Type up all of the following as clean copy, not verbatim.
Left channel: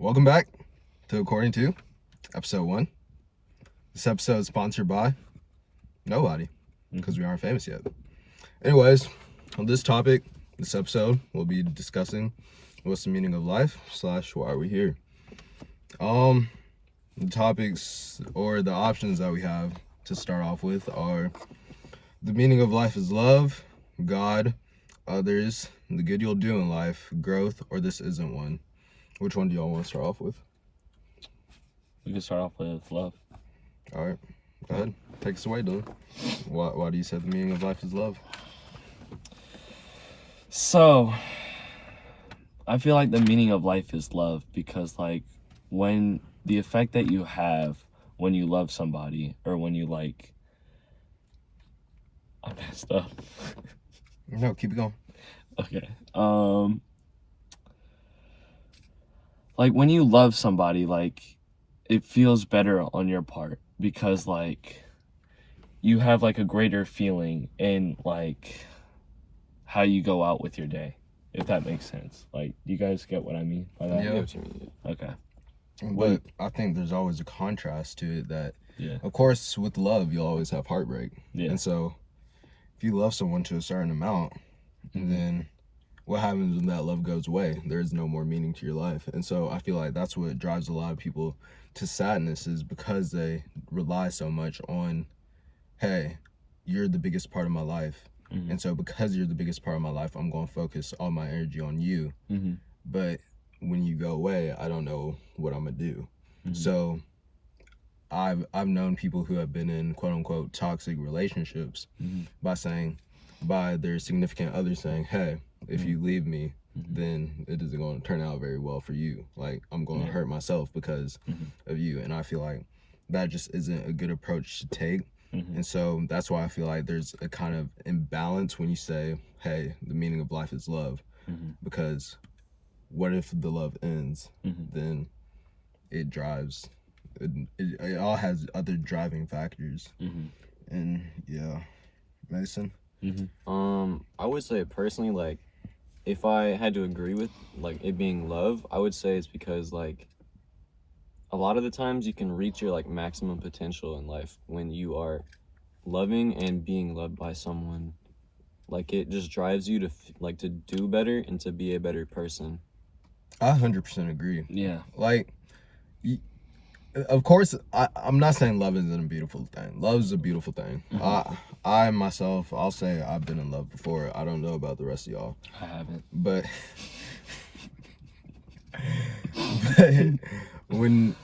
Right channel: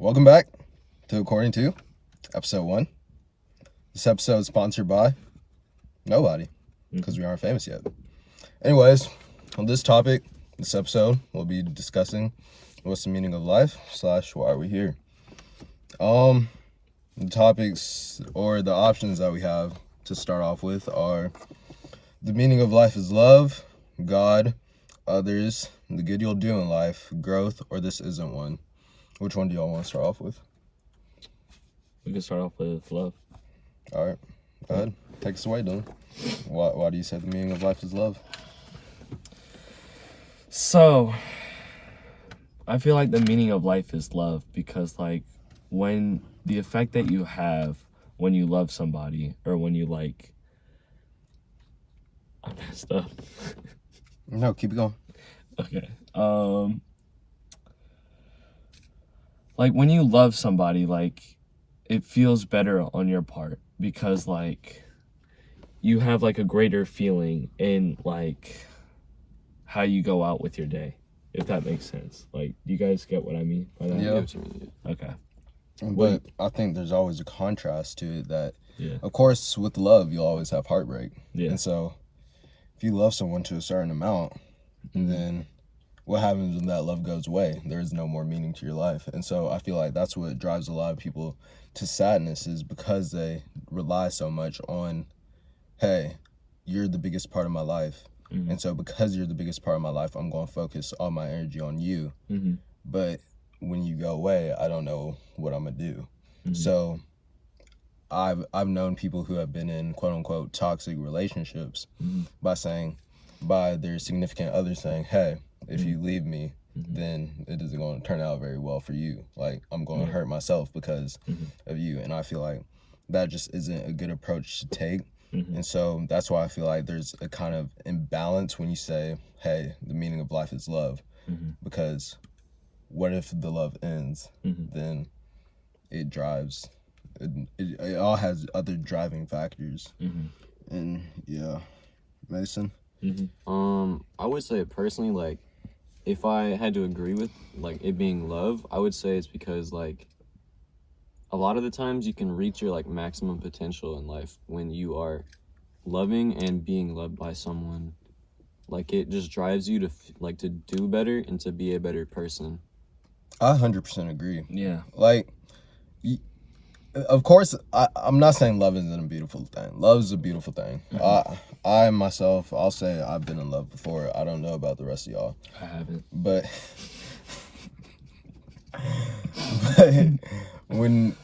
Welcome back to According To, episode 1. This episode is sponsored by nobody, because we aren't famous yet. Anyways, on this topic, this episode, we'll be discussing what's the meaning of life / why are we here. The topics or the options that we have to start off with are the meaning of life is love, God, others, the good you'll do in life, growth, or this isn't one. Which one do y'all want to start off with? We can start off with love. All right, go ahead. Take us away, Dylan. Why do you say the meaning of life is love? So, I feel like the meaning of life is love because, when the effect that you have when you love somebody or when you, I messed up. No, keep it going. Okay. When you love somebody, it feels better on your part because, you have, a greater feeling in, how you go out with your day, if that makes sense. Do you guys get what I mean by that? Yeah. Okay. But I think there's always a contrast to it that, Yeah. of course, with love, you'll always have heartbreak. Yeah. And so, if you love someone to a certain amount, then what happens when that love goes away? There's no more meaning to your life. And so I feel like that's what drives a lot of people to sadness, is because they rely so much on, hey, you're the biggest part of my life. And so because you're the biggest part of my life, I'm going to focus all my energy on you. But when you go away, I don't know what I'm going to do. So I've known people who have been in quote unquote toxic relationships by their significant other saying, hey, if you leave me, then it isn't going to turn out very well for you. I'm going to hurt myself because of you. And I feel like that just isn't a good approach to take. And so that's why I feel like there's a kind of imbalance when you say, hey, the meaning of life is love. Because what if the love ends? Then it drives, it all has other driving factors. And yeah. Mason? I would say personally, if I had to agree with it being love, I would say it's because a lot of the times you can reach your maximum potential in life when you are loving and being loved by someone. It just drives you to to do better and to be a better person. I 100% agree. Yeah. Of course, I'm not saying love isn't a beautiful thing. Love is a beautiful thing. I myself, I'll say I've been in love before. I don't know about the rest of y'all. I haven't. But when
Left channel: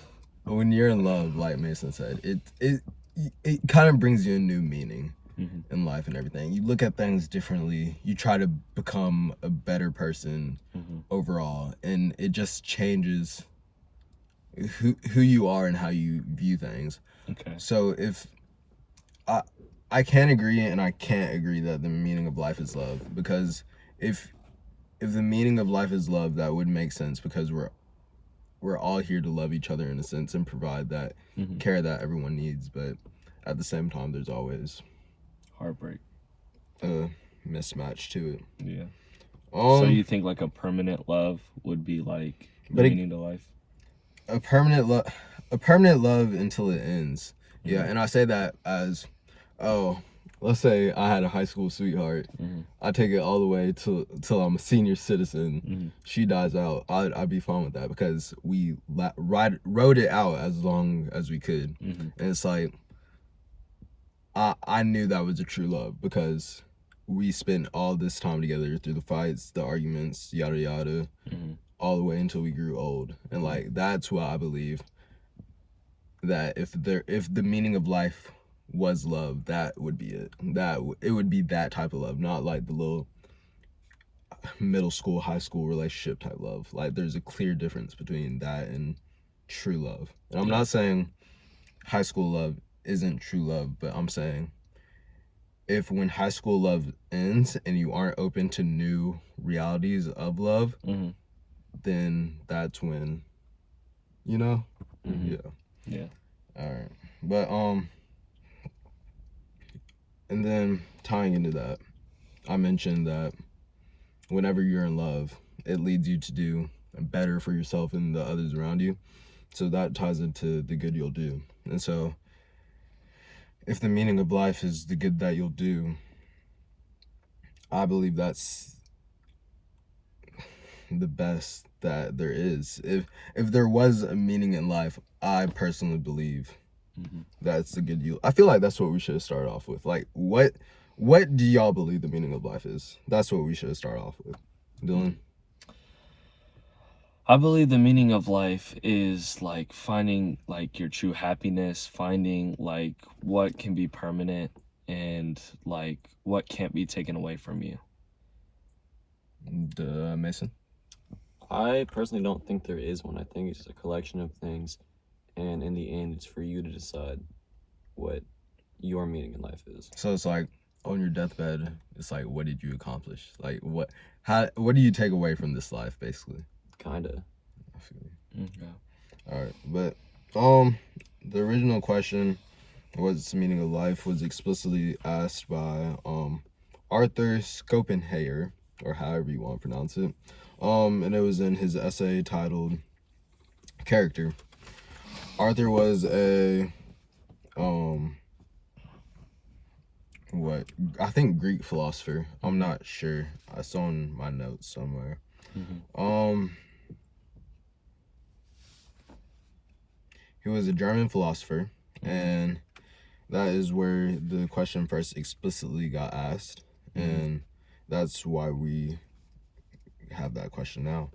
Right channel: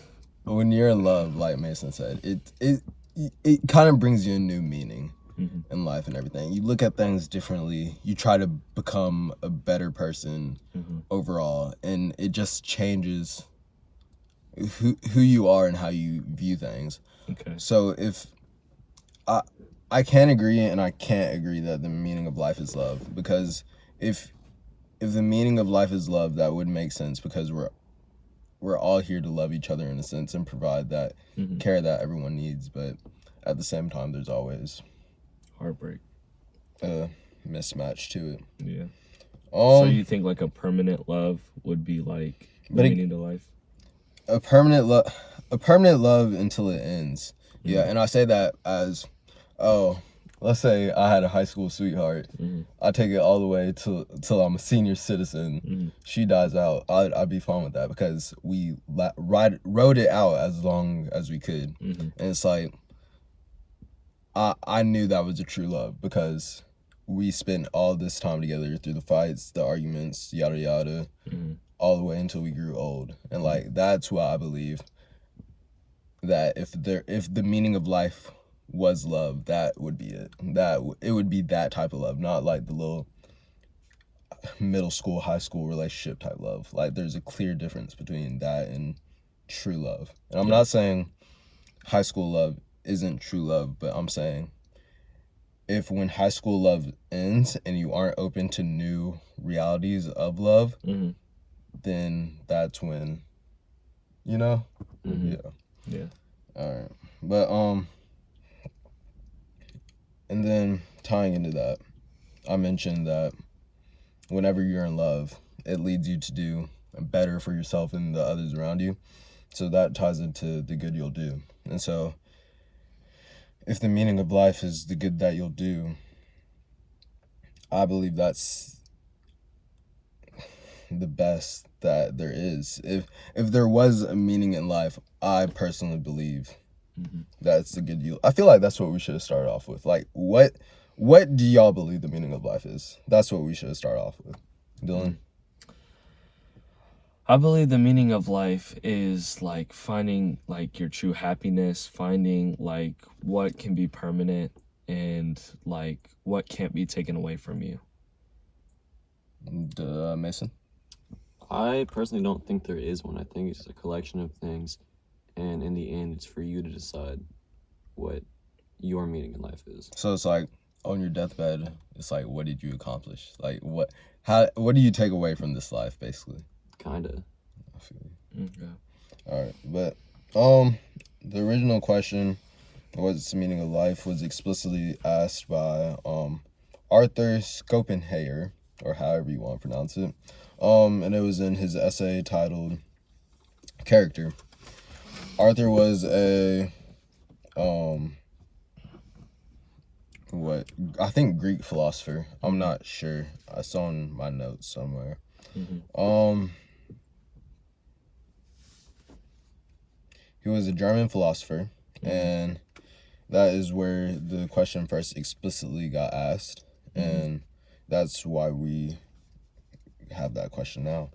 you're in love, like Mason said, it kind of brings you a new meaning in life and everything. You look at things differently. You try to become a better person overall, and it just changes who you are and how you view things. Okay. So if I can agree and I can't agree that the meaning of life is love, because if the meaning of life is love, that would make sense, because we're all here to love each other in a sense and provide that care that everyone needs. But at the same time, there's always Heartbreak. a mismatch to it. Yeah. So you think a permanent love would be the meaning to life? A permanent love until it ends. Yeah, and I say that as, let's say I had a high school sweetheart. I take it all the way till I'm a senior citizen. She dies out. I'd be fine with that, because we rode it out as long as we could. And it's I knew that was a true love, because we spent all this time together through the fights, the arguments, yada yada, all the way until we grew old. And that's why I believe that if the meaning of life was love, that would be it. It would be that type of love, not the little middle school, high school relationship type love. There's a clear difference between that and true love. And I'm not saying high school love isn't true love, but I'm saying if when high school love ends and you aren't open to new realities of love, then that's when, Yeah. Yeah. All right. But and then tying into that, I mentioned that whenever you're in love, it leads you to do better for yourself and the others around you. So that ties into the good you'll do. And so if the meaning of life is the good that you'll do, I believe that's the best that there is. If there was a meaning in life, I personally believe that's the good you. I feel like that's what we should start off with. Like, what do y'all believe the meaning of life is? That's what we should start off with. Dylan? I believe the meaning of life is like finding like your true happiness, finding like what can be permanent and like what can't be taken away from you. Mason? I personally don't think there is one. I think it's just a collection of things, and in the end, it's for you to decide what your meaning in life is. So it's like on your deathbed, it's like, what did you accomplish? Like, what do you take away from this life, basically? Kinda. I feel you. Okay. All right, but the original question, what's the meaning of life, was explicitly asked by Arthur Schopenhauer, or however you want to pronounce it. And it was in his essay titled Character. Arthur was a I think Greek philosopher. I'm not sure. I saw in my notes somewhere. He was a German philosopher, and that is where the question first explicitly got asked, and that's why we have that question now.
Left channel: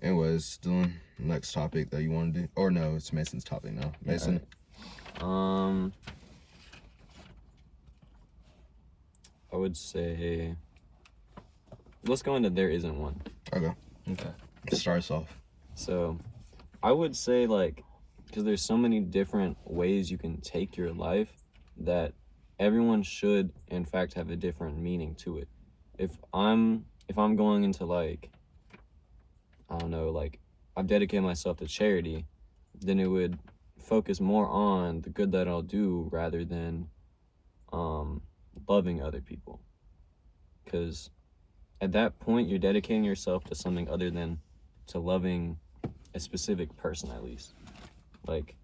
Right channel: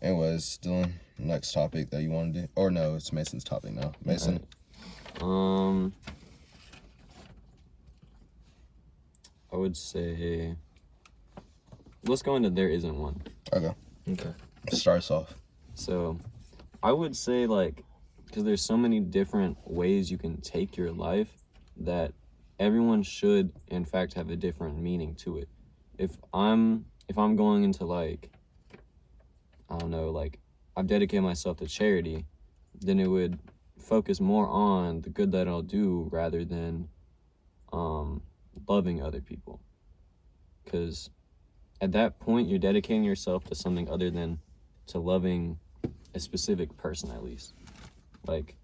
Anyways, Dylan, next topic that you want to do, or no, it's Mason's topic now. Mason. I would say, let's go into there isn't one. Okay. Okay. Start us off. So, I would say, like, because there's so many different ways you can take your life, that everyone should, in fact, have a different meaning to it. If I'm going into, like, I don't know, like, I've dedicated myself to charity, then it would focus more on the good that I'll do rather than loving other people. Because at that point, you're dedicating yourself to something other than to loving a specific person, at least. Like,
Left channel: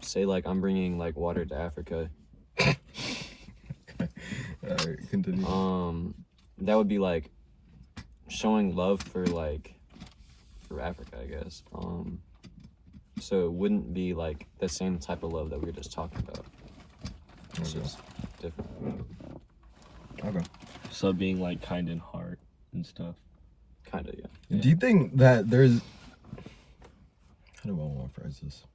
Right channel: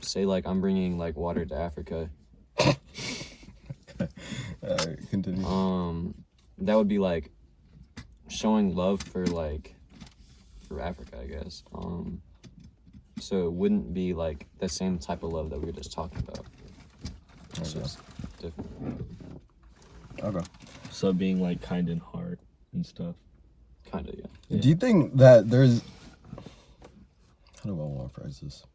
say, like, I'm bringing, like, water to Africa. Continue. That would be, like, showing love for Africa, I guess. So it wouldn't be, like, the same type of love that we were just talking about. It's just different. Okay. So being like kind in heart and stuff. Kind of, yeah. Do you think that there's... How do I want to phrase this?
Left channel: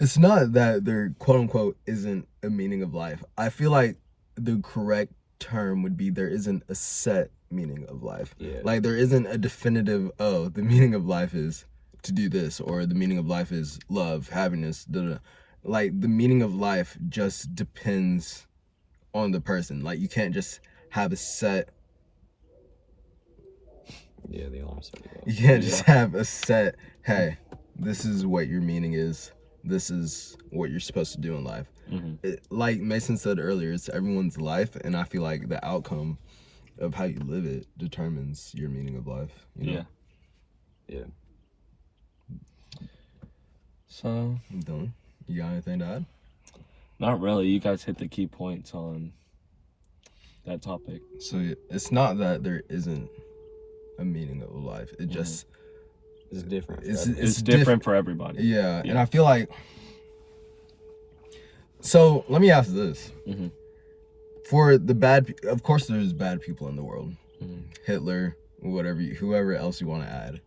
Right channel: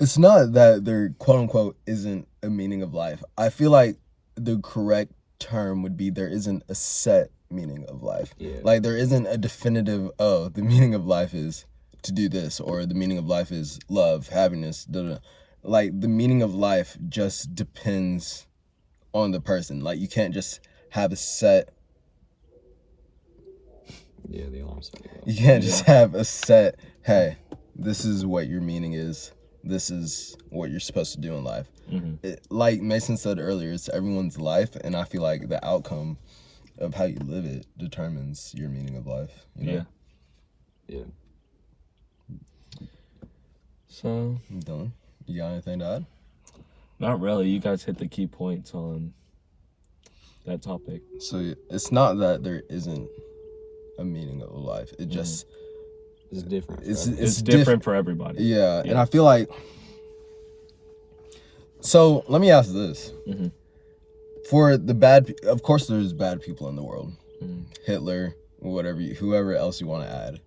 It's not that there, quote unquote, isn't a meaning of life. I feel like the correct term would be there isn't a set meaning of life. Yeah. Like, there isn't a definitive, oh, the meaning of life is to do this, or the meaning of life is love, happiness, da-da. Like, the meaning of life just depends on the person. Like, you can't just have a set... Yeah, the alarm's starting to go. You can't just have a set, hey, this is what your meaning is. This is what you're supposed to do in life. Like Mason said earlier, it's everyone's life, and I feel like the outcome of how you live it determines your meaning of life. You know? Yeah. So, Dylan, you got anything to add? not really. You guys hit the key points on that topic. So it's not that there isn't a meaning of life. It just... It's different. It's different for everybody. Yeah, and I feel like... So, let me ask this. For the bad... Of course there's bad people in the world. Hitler, whoever else you want to add.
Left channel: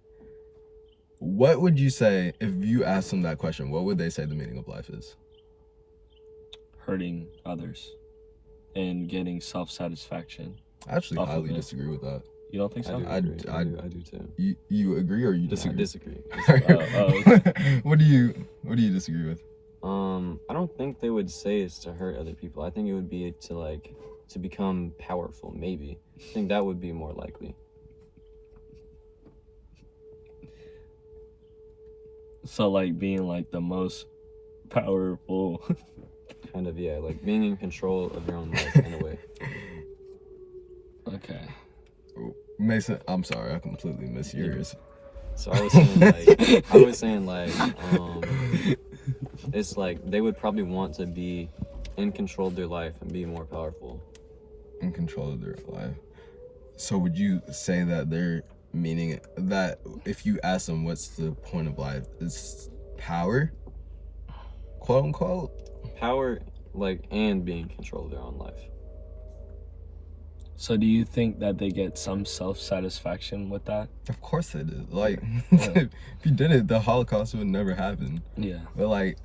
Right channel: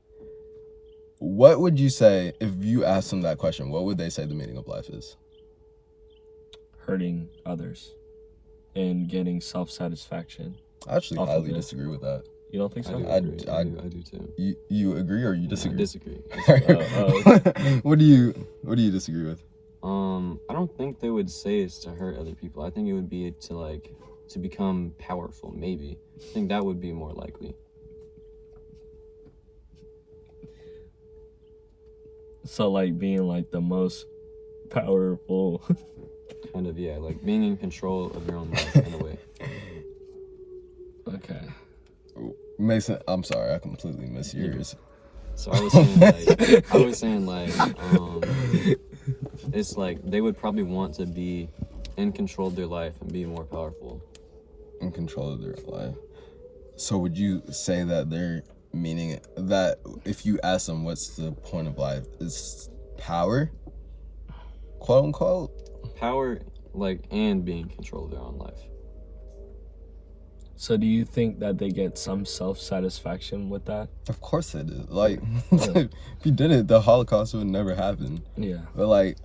What would you say, if you asked them that question, what would they say the meaning of life is? Hurting others and getting self-satisfaction. I actually Off of highly it. disagree with that. You don't think so? I do agree. I do too. You agree or you disagree? I disagree. What do you disagree with? I don't think they would say it's to hurt other people. I think it would be to become powerful, maybe. I think that would be more likely. So like being like the most powerful. Kind of, yeah, like being in control of your own life in a way. Okay. Mason, I'm sorry, I completely missed yours. So I was saying like, it's like they would probably want to be in control of their life and be more powerful. In control of their life. So would you say that they're meaning that if you ask them what's the point of life, is power, quote unquote? Power, like, and being in control of their own life. So do you think that they get some self-satisfaction with that? Of course they did. Like, if you did it, the Holocaust would never happen. Yeah. But like,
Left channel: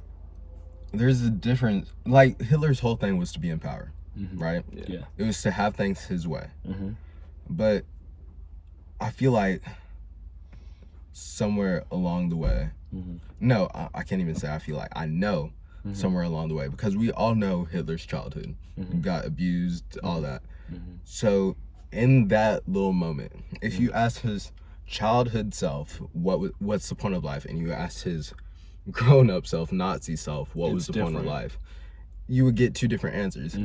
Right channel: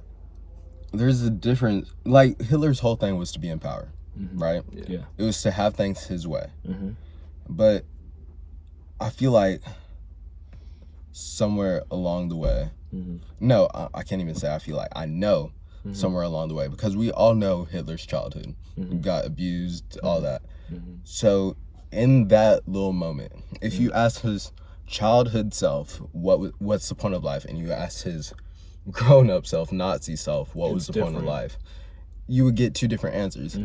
there's a difference. Like, Hitler's whole thing was to be in power, right? Yeah. It was to have things his way. Mm-hmm. But I feel like somewhere along the way, no, I can't even say I feel like, I know somewhere along the way, because we all know Hitler's childhood. Got abused, all that. So in that little moment, if you ask his childhood self what's the point of life, and you ask his grown-up self, Nazi self, what was the point of life, you would get two different answers.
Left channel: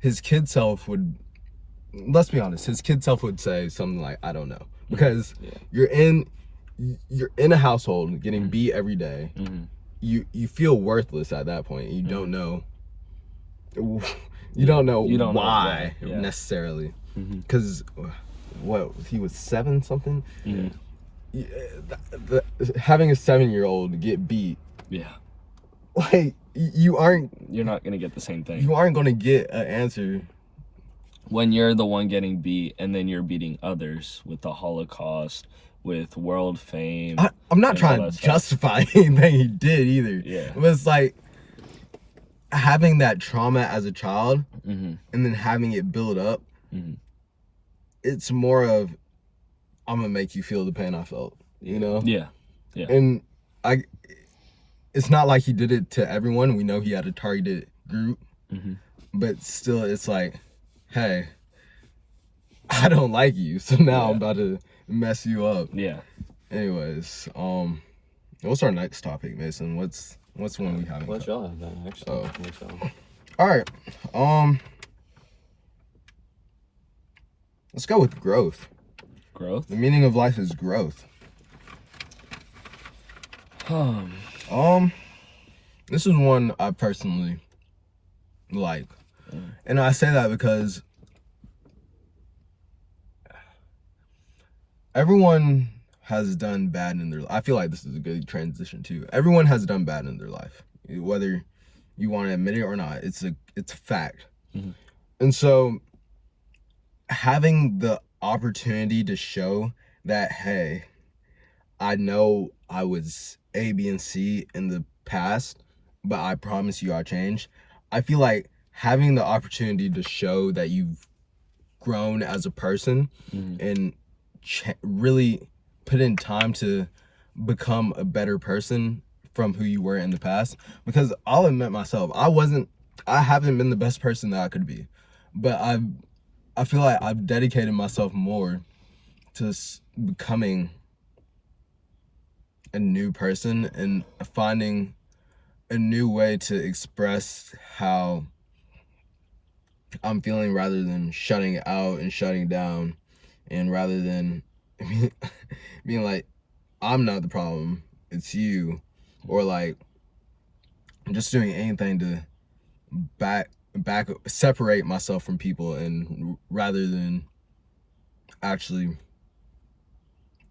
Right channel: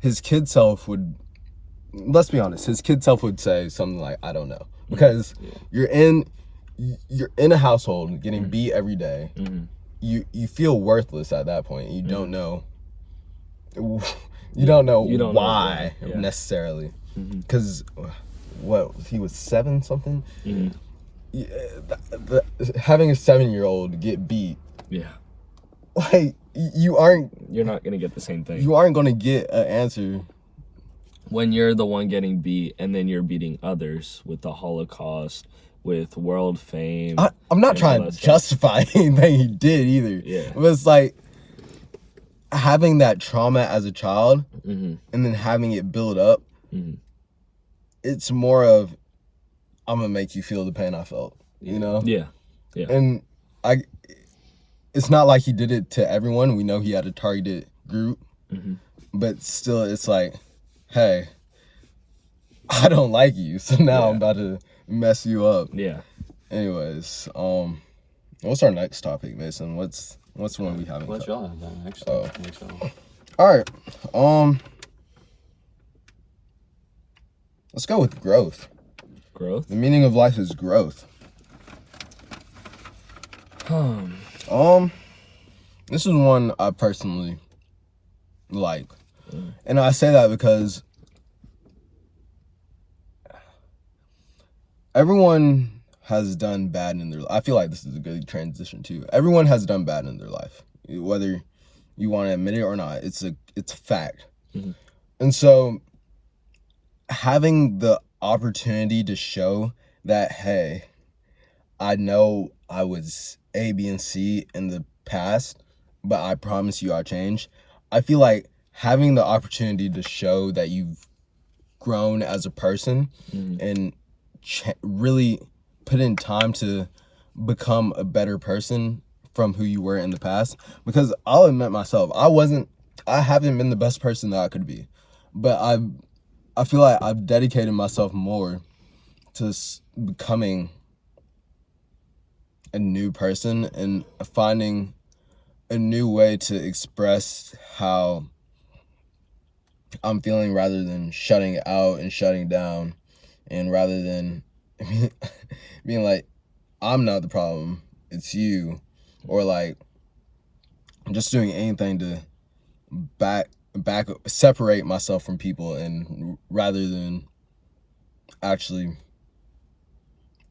His kid self would, let's be honest, his kid self would say something like, I don't know, because you're in a household getting beat every day. You feel worthless at that point. You don't know. You don't know why necessarily, because what, he was 7 something. Having a 7-year-old get beat, like, you're not gonna get the same thing. You aren't gonna get an answer when you're the one getting beat, and then you're beating others with the Holocaust, with world fame. I'm not trying to justify anything he did either. Yeah. It was like having that trauma as a child, and then having it build up. It's more of, I'm gonna make you feel the pain I felt, you know? Yeah. And it's not like he did it to everyone. We know he had a targeted group, but still, it's like, hey, I don't like you, so now I'm about to mess you up. Yeah. Anyways, what's our next topic, Mason? What's one we haven't? Let y'all have that, actually. All right. Let's go with growth. Growth. The meaning of life is growth. This is one I personally like, and I say that because everyone has done bad in their life. I feel like this is a good transition too. Everyone has done bad in their life, whether you want to admit it or not. It's a fact. And so having the opportunity to show that, hey, I know I was A, B, and C in the past, but I promise you I changed. I feel like having the opportunity to show that you've grown as a person and really put in time to become a better person from who you were in the past. Because I'll admit myself, I haven't been the best person that I could be, but I feel like I've dedicated myself more to becoming a new person and finding a new way to express how I'm feeling, rather than shutting out and shutting down, and rather than being like, I'm not the problem, it's you, or like just doing anything to separate myself from people, and rather than actually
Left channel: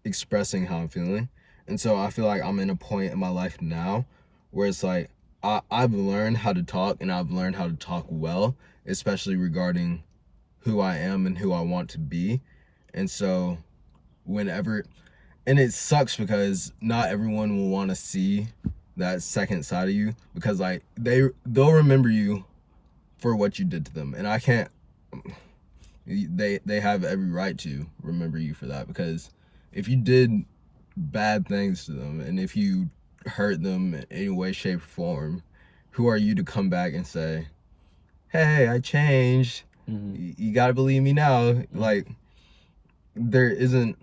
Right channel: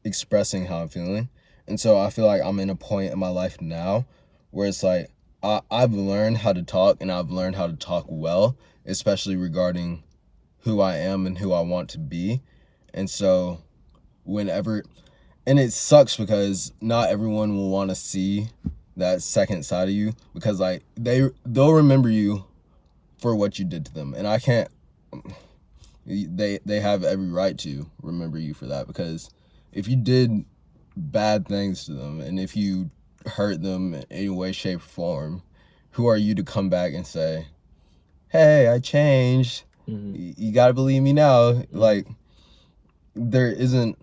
expressing how I'm feeling. And so I feel like I'm in a point in my life now where it's like I've learned how to talk, and I've learned how to talk well, especially regarding who I am and who I want to be. And so and it sucks because not everyone will want to see that second side of you, because like they'll remember you for what you did to them, and I can't. They have every right to remember you for that, because if you did bad things to them, and if you hurt them in any way, shape, or form, who are you to come back and say, hey, I changed, you gotta believe me now? Like, there isn't.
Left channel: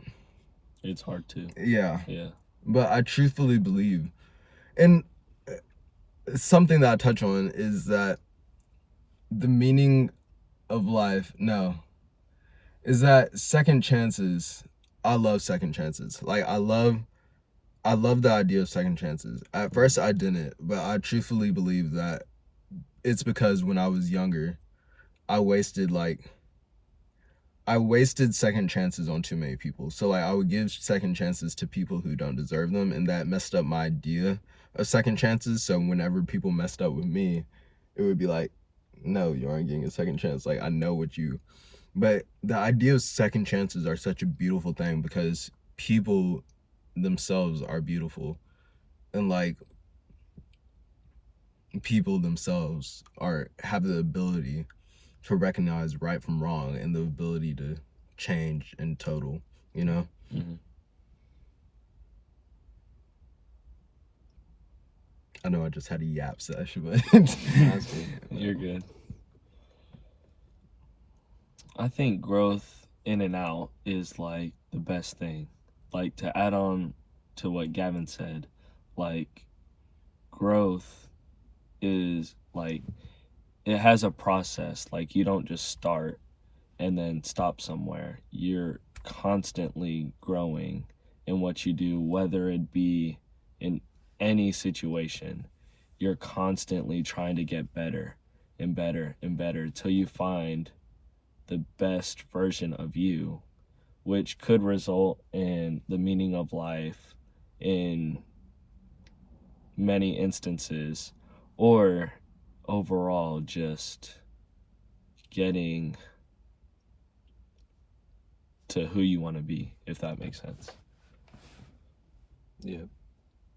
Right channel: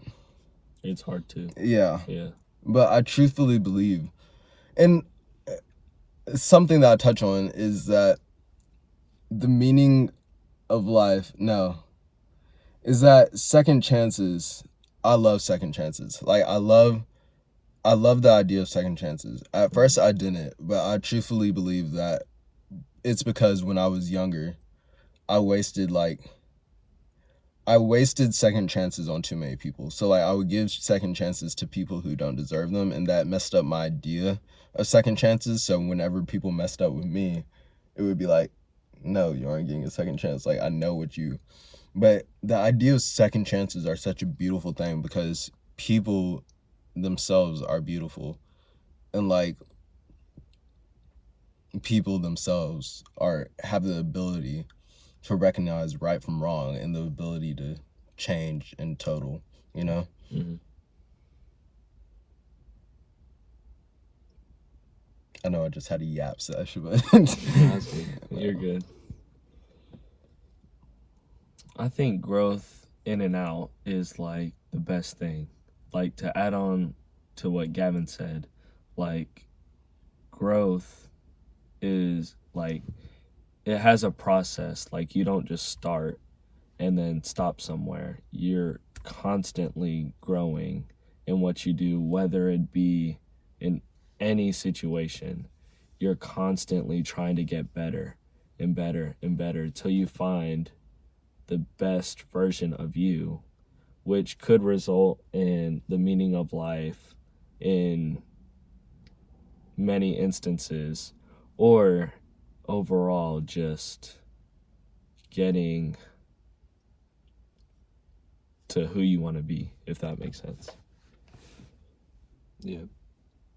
It's hard to. Yeah. Yeah. But I truthfully believe, and something that I touch on is that the meaning of life, is that second chances. I love second chances. Like, I love I love the idea of second chances. At first, I didn't, but I truthfully believe that it's because when I was younger, I wasted second chances on too many people. So like I would give second chances to people who don't deserve them, and that messed up my idea of second chances. So whenever people messed up with me, it would be like, no, you aren't getting a second chance. Like I know what you. But the idea of second chances are such a beautiful thing because people themselves are beautiful, and like people themselves have the ability to recognize right from wrong and the ability to change in total, you know? Mm-hmm. I know I just had a yap session, but That's good. You're good. I think growth in and out is like the best thing. Like to add on to what Gavin said, like growth is like it has a process. Like you don't just start and then stop somewhere. You're constantly growing in what you do, whether it be in any situation. You're constantly trying to get better and better and better until you find the best version of you, which could result in the meaning of life in many instances, or overall just getting to who you want to be, if that makes sense. Yeah.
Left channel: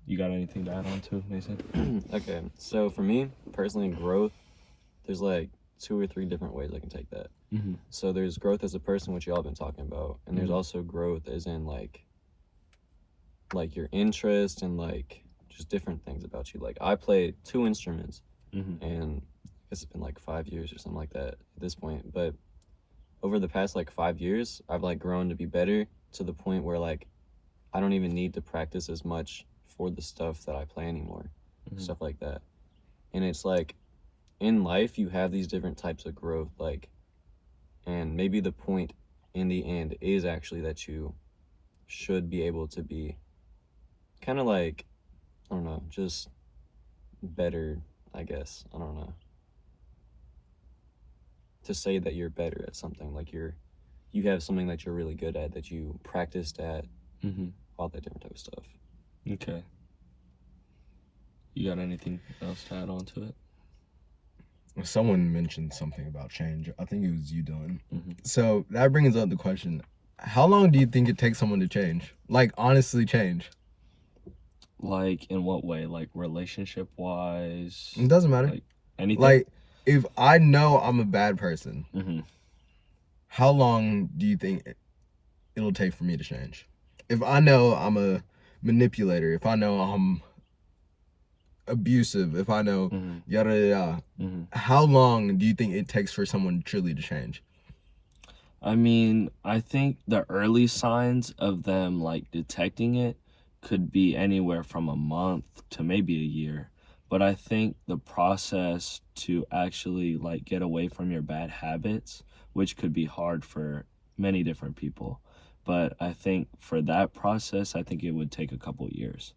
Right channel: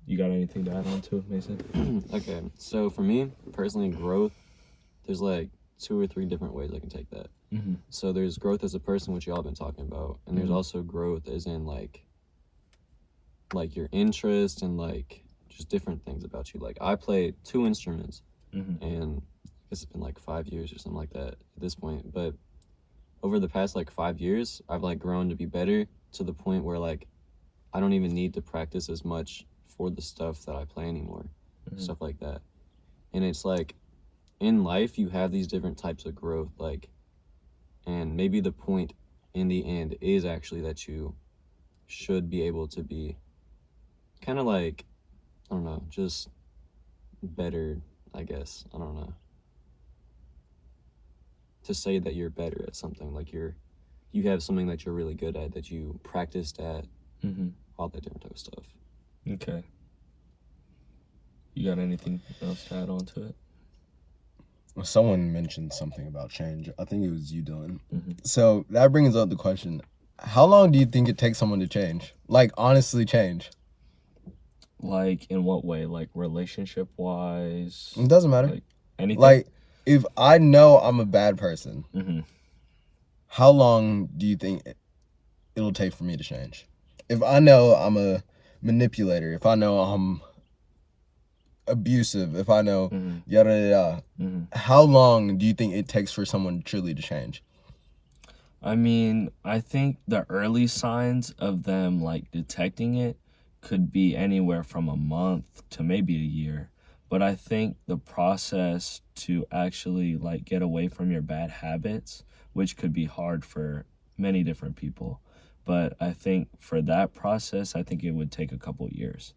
You got anything to add on to it, Mason? Okay, so for me personally, growth, there's like 2 or 3 different ways I can take that. Mm-hmm. So there's growth as a person, which y'all been talking about, and there's also growth as in like your interest and like just different things about you. Like I play 2 instruments, Mm-hmm. and I guess it's been like 5 years or something like that at this point. But over the past like 5 years, I've like grown to be better to the point where like I don't even need to practice as much for the stuff that I play anymore, stuff like that. And it's like in life you have these different types of growth, like, and maybe the point in the end is actually that you should be able to be kind of like, I don't know, just better, I guess. I don't know. To say that you're better at something, like you have something that you're really good at, that you practiced at, Mm-hmm. all that different type of stuff. Okay. You got anything else to add on to it? Someone mentioned something about change. I think it was you, Dylan. Mm-hmm. So that brings up the question, how long do you think it takes someone to change? Like, honestly change? Like in what way? Like relationship wise? It doesn't matter. Like anything? Like, if I know I'm a bad person, Mm-hmm. how long do you think it'll take for me to change? If I know I'm a manipulator, if I know I'm abusive, if I know yada yada yada, how long do you think it takes for someone truly to change? I mean, I think the early signs of them like detecting it could be anywhere from a month to maybe a year. But I think the process to actually like get away from your bad habits, which could be hard for many different people, but I think for that process, I think it would take a couple years.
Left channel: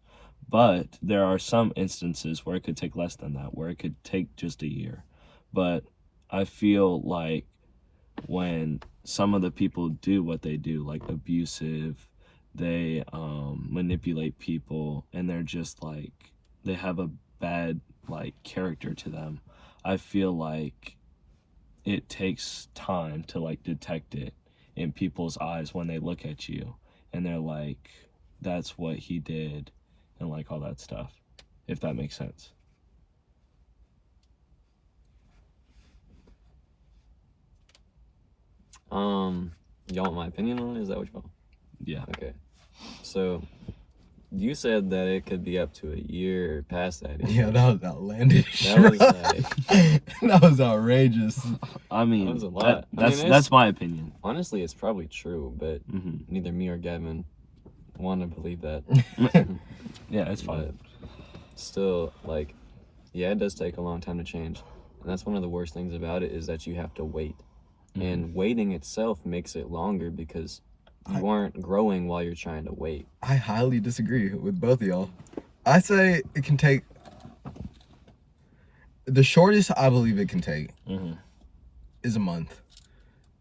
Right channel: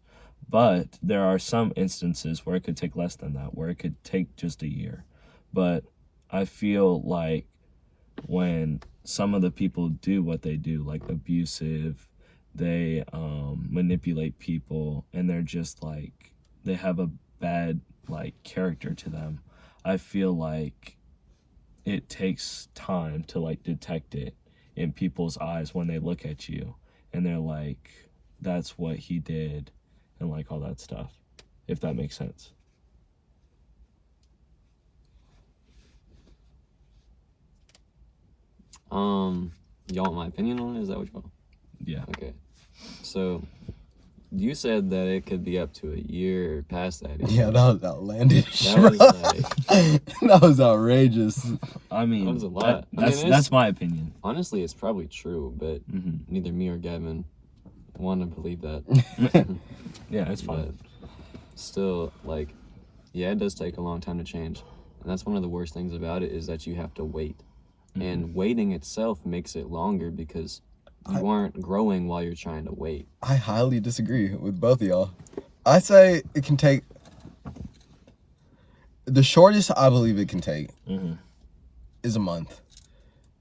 But there are some instances where it could take less than that, where it could take just a year. But I feel like when some of the people do what they do, like abusive, they manipulate people, and they're just like, they have a bad like character to them, I feel like it takes time to like detect it in people's eyes when they look at you and they're like, that's what he did, and like all that stuff, if that makes sense. Y'all want my opinion on it? Is that what y'all? Yeah. Okay. So you said that it could be up to a year or past that. Even. Yeah, that was outlandish. That was like that was outrageous. I mean, that was a lot. That's my opinion. Honestly, it's probably true, but neither me or Gavin want to believe that. Yeah, that's fine. But still, like, yeah, it does take a long time to change, and that's one of the worst things about it, is that you have to wait, and waiting itself makes it longer because you aren't growing while you're trying to wait. I highly disagree with both of y'all. I say it can take, the shortest I believe it can take is a month.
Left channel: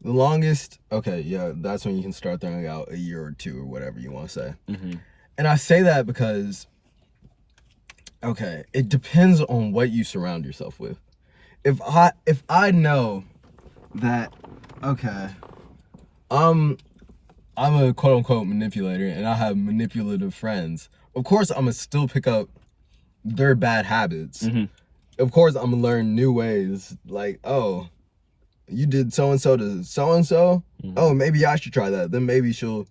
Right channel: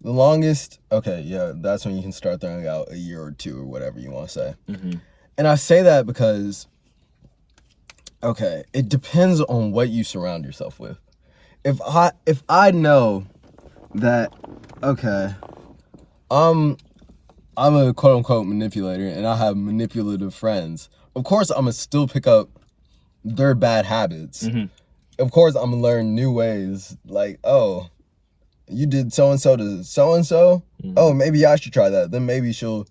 The longest, okay, yeah, that's when you can start throwing out a year or two or whatever you want to say. And I say that because, okay, it depends on what you surround yourself with. If I know that, okay, I'm a quote unquote manipulator and I have manipulative friends, of course I'm gonna still pick up their bad habits. Of course I'm gonna learn new ways, like, oh, you did so and so to so and so. Oh, maybe I should try that. Then maybe she'll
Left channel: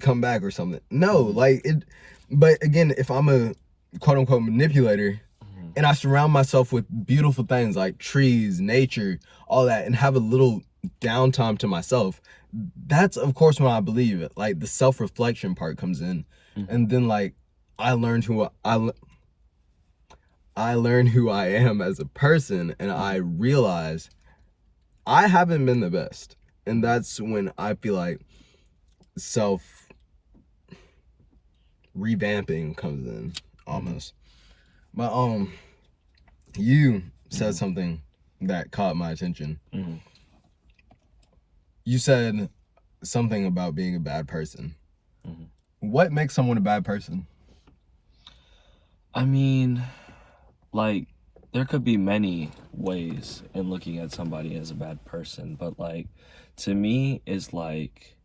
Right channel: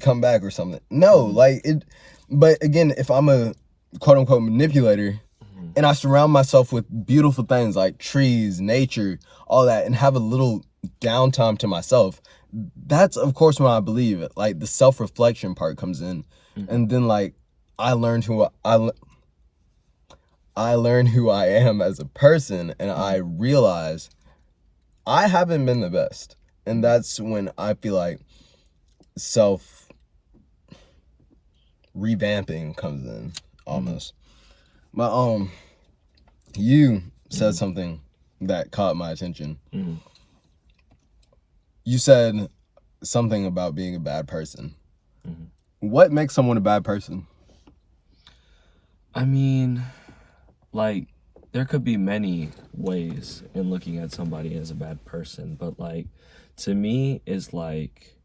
come back or something. No, like it. But again, if I'm a quote unquote manipulator, and I surround myself with beautiful things like trees, nature, all that, and have a little downtime to myself, that's of course when I believe it. Like the self-reflection part comes in, and then like I learned who I learned who I am as a person, and I realize I haven't been the best. And that's when I feel like self revamping comes in almost. But you said something that caught my attention. You said something about being a bad person. What makes someone a bad person? I mean, like, there could be many ways in looking at somebody as a bad person, but like, to me, is like,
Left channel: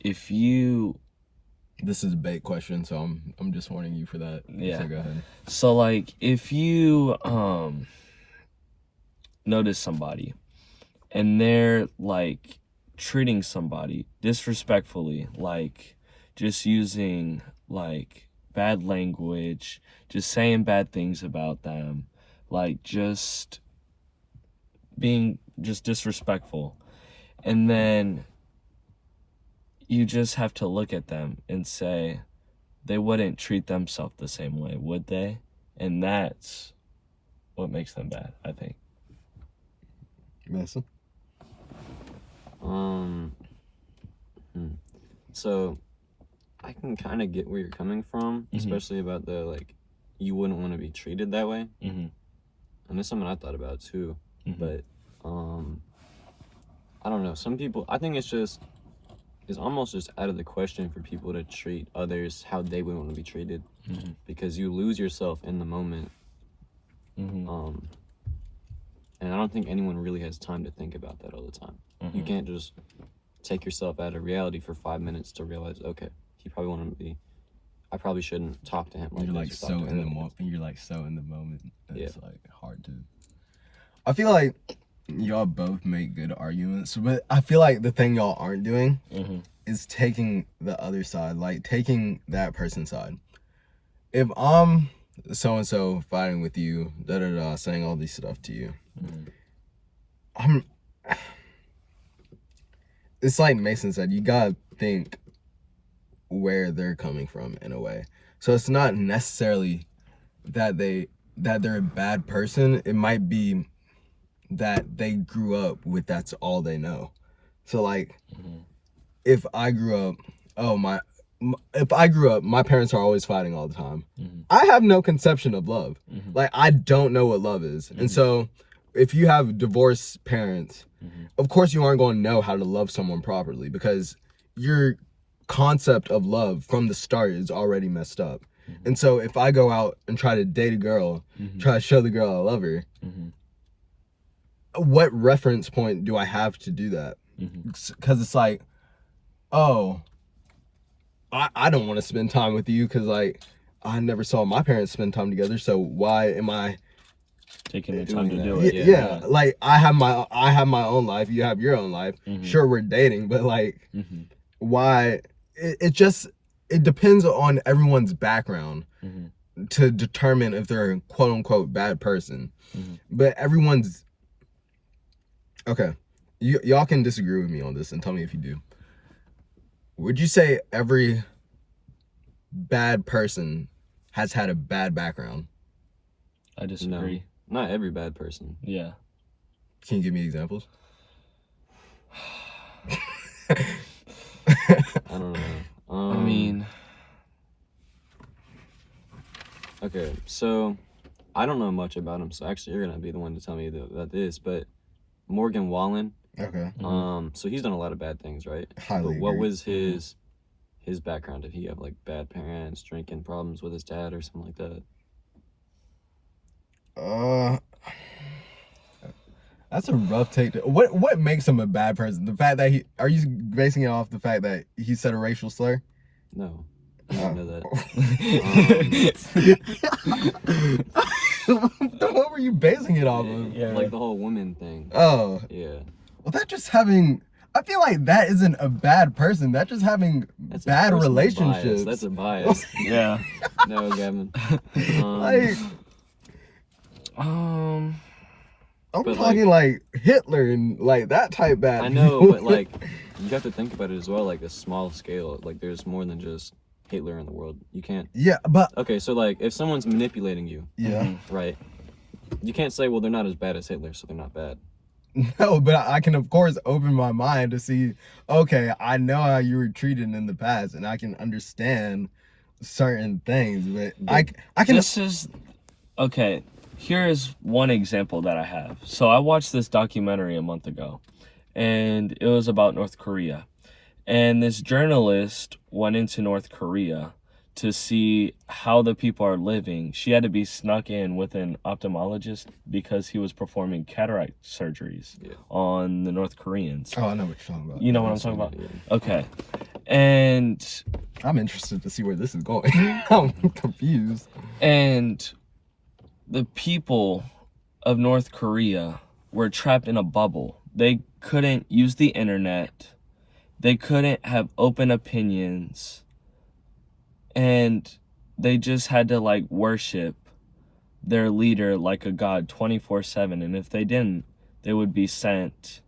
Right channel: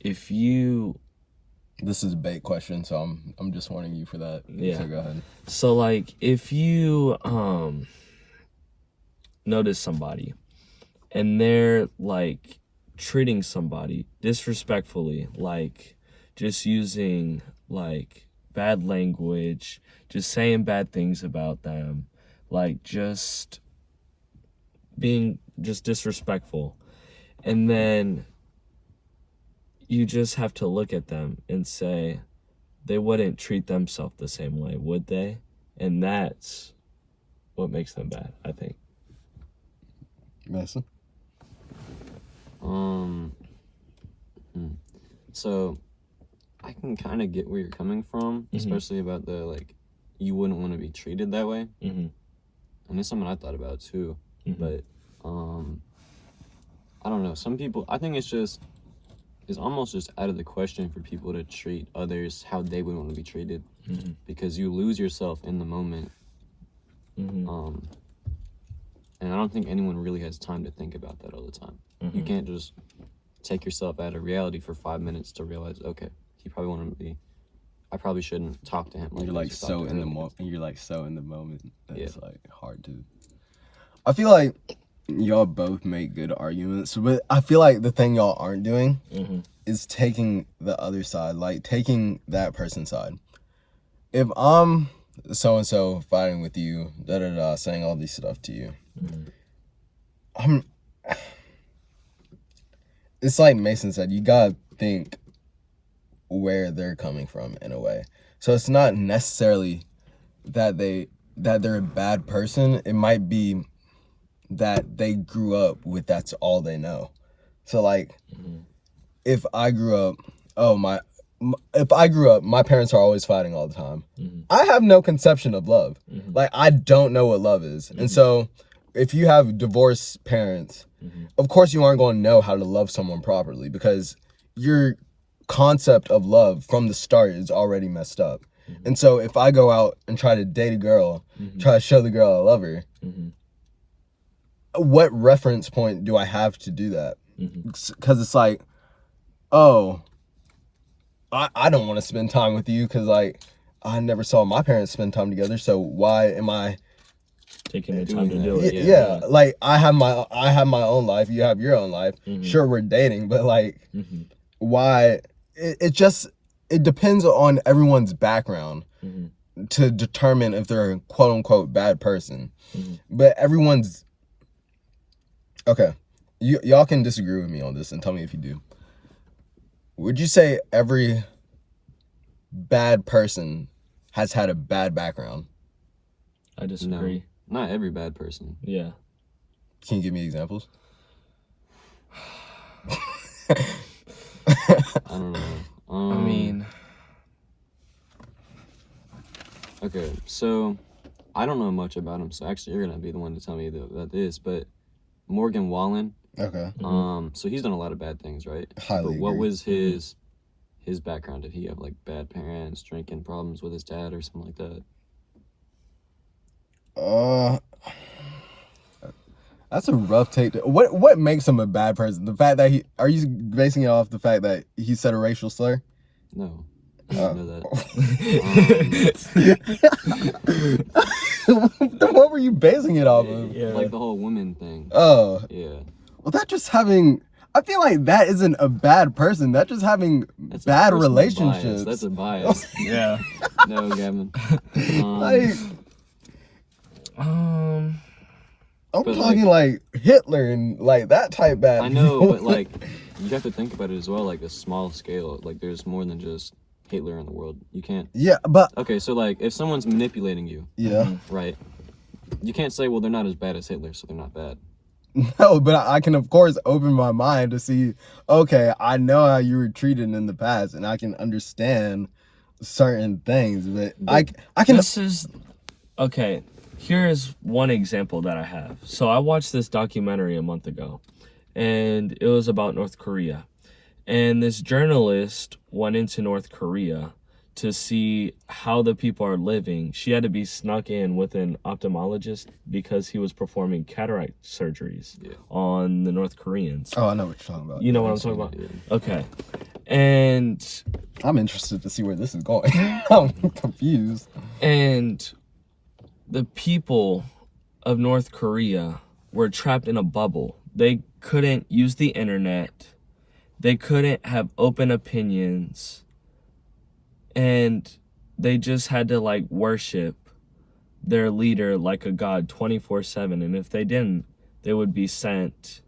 if you, This is a bait question, so I'm just warning you for that. Yeah. So go ahead. so like, if you notice somebody and they're like treating somebody disrespectfully, like just using like bad language, just saying bad things about them, like just being just disrespectful, and then you just have to look at them and say they wouldn't treat themselves the same way, would they? And that's what makes them bad, I think. Mason? So I can kind of get where you're coming from, especially about the like you wouldn't want to be treated that way. And it's something I thought about too. But I don't know. Some people, I think it's almost just out of the question for people to treat others how they would want to be treated, because you lose yourself in the moment. And I don't think anyone really has time to think about that all the time. You can't just take yourself out of reality for 5 minutes to realize, okay, he probably wanted to be, I probably shouldn't talk to him like You're like this or so talk to in her the like moment. You're like so in the moment. That's Yeah. like hard to. I feel like y'all both make good arguments, but I feel like the thing y'all aren't doing is taking the other side, like taking that person's side. If I'm so and so fighting with you, saying all these stuff to you, it's like Mason said, you gotta think where they're coming from in a way. So it's not necessarily that they're a bad person. It might be that they grew up with that's all they know. So like if I grew up, my parents are always fighting all the time. I have no conception of love. Like I don't know what love is. And so if you have divorced parents, of course you aren't going to know how to love someone properly, because your concept of love from the start is already messed up. And so if I go out and try to date a girl, try to show the girl I love her, what reference point do I have to do that? Because it's like, oh, I don't want to spend time with you because like I never saw my parents spend time together, so why am I Taking the time to doing do that? it. yeah, like I have my own life, you have your own life. Sure, we're dating, but like why it depends on everyone's background to determine if they're a quote unquote bad person. But everyone's okay. Y'all can disagree with me on this and tell me if you do. Would you say every bad person has had a bad background? I disagree. No, not every bad person. Yeah. Can you give me examples? don't know. I mean, okay, so I don't know much about him, so actually you're gonna be the one to tell me about this. But Morgan Wallen, Okay. so he's done a lot of bad things, right? Highly But what agree. was his background? Did he have like bad parents, drinking problems with his dad, or something like that? That's a rough take. What makes him a bad person? The fact that are you basing it off the fact that he said a racial slur? No, I didn't know that. Then what were you basing it off of? yeah. Like the whole woman thing. Oh, Yeah, well, that just having. I feel like that isn't a bad person. That's just having that's bad a personal relationships. bias. That's a bias. yeah. No, Gavin. Like, Um, I'm But, talking like Hitler and like that type bad. I know, people. but like you have to think about it as well, like a small scale. Like there's more than just Hitler in the world. You can't. Yeah, but Okay, so like if someone's manipulating you, yeah, right? You can't say, well, they're not as bad as Hitler, so they're not bad. no, but I can of course open my mind to see. Okay, I know how you were treated in the past, and I can understand certain things. But I can. this is okay. Here is one example that I have. So I watched this documentary a month ago, and it was about North Korea. And this journalist went into North Korea to see how the people are living. She had to be snuck in with an ophthalmologist because he was performing cataract surgeries on the North Koreans. Oh, I know what you're talking about. You know what I'm talking about? Yeah. Okay. And I'm interested to see where this is going. I'm confused. And the people of North Korea were trapped in a bubble. They couldn't use the internet. They couldn't have open opinions. And they just had to like worship their leader like a god 24/7. And if they didn't, they would be sent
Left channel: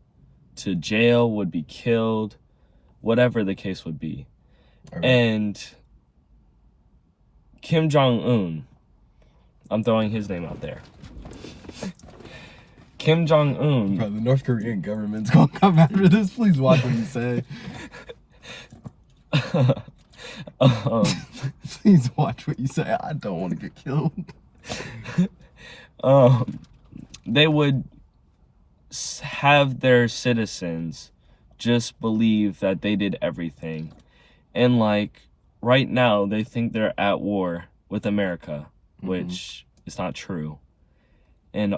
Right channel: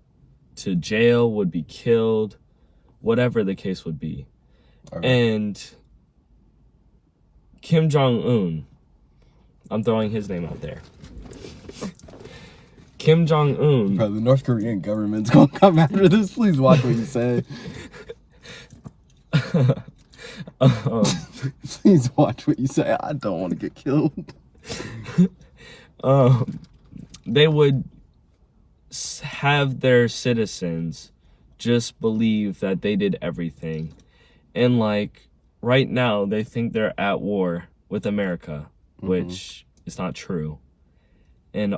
to jail, would be killed, whatever the case would be. Okay. And Kim Jong-un, I'm throwing his name out there. Kim Jong-un. Bro, the North Korean government's gonna come after this. Please watch what you say. Please watch what you say. I don't want to get killed. They would have their citizens just believe that they did everything. And like right now, they think they're at war with America, which is not true. And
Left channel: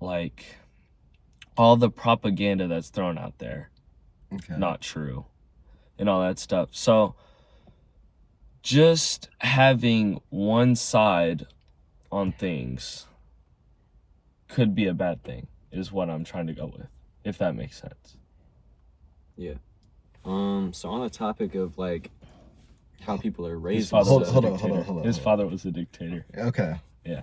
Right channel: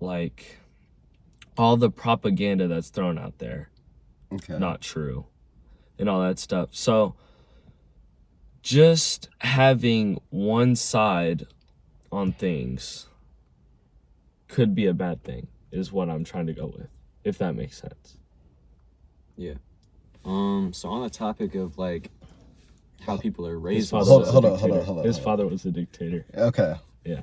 like all the propaganda that's thrown out there, Okay. not true, and all that stuff. So just having one side on things could be a bad thing, is what I'm trying to go with, if that makes sense. Yeah. So on the topic of like how people are His raised. father Hold was on, a hold on, dictator. hold on, hold on, His hold on. father was a dictator. Okay. Yeah.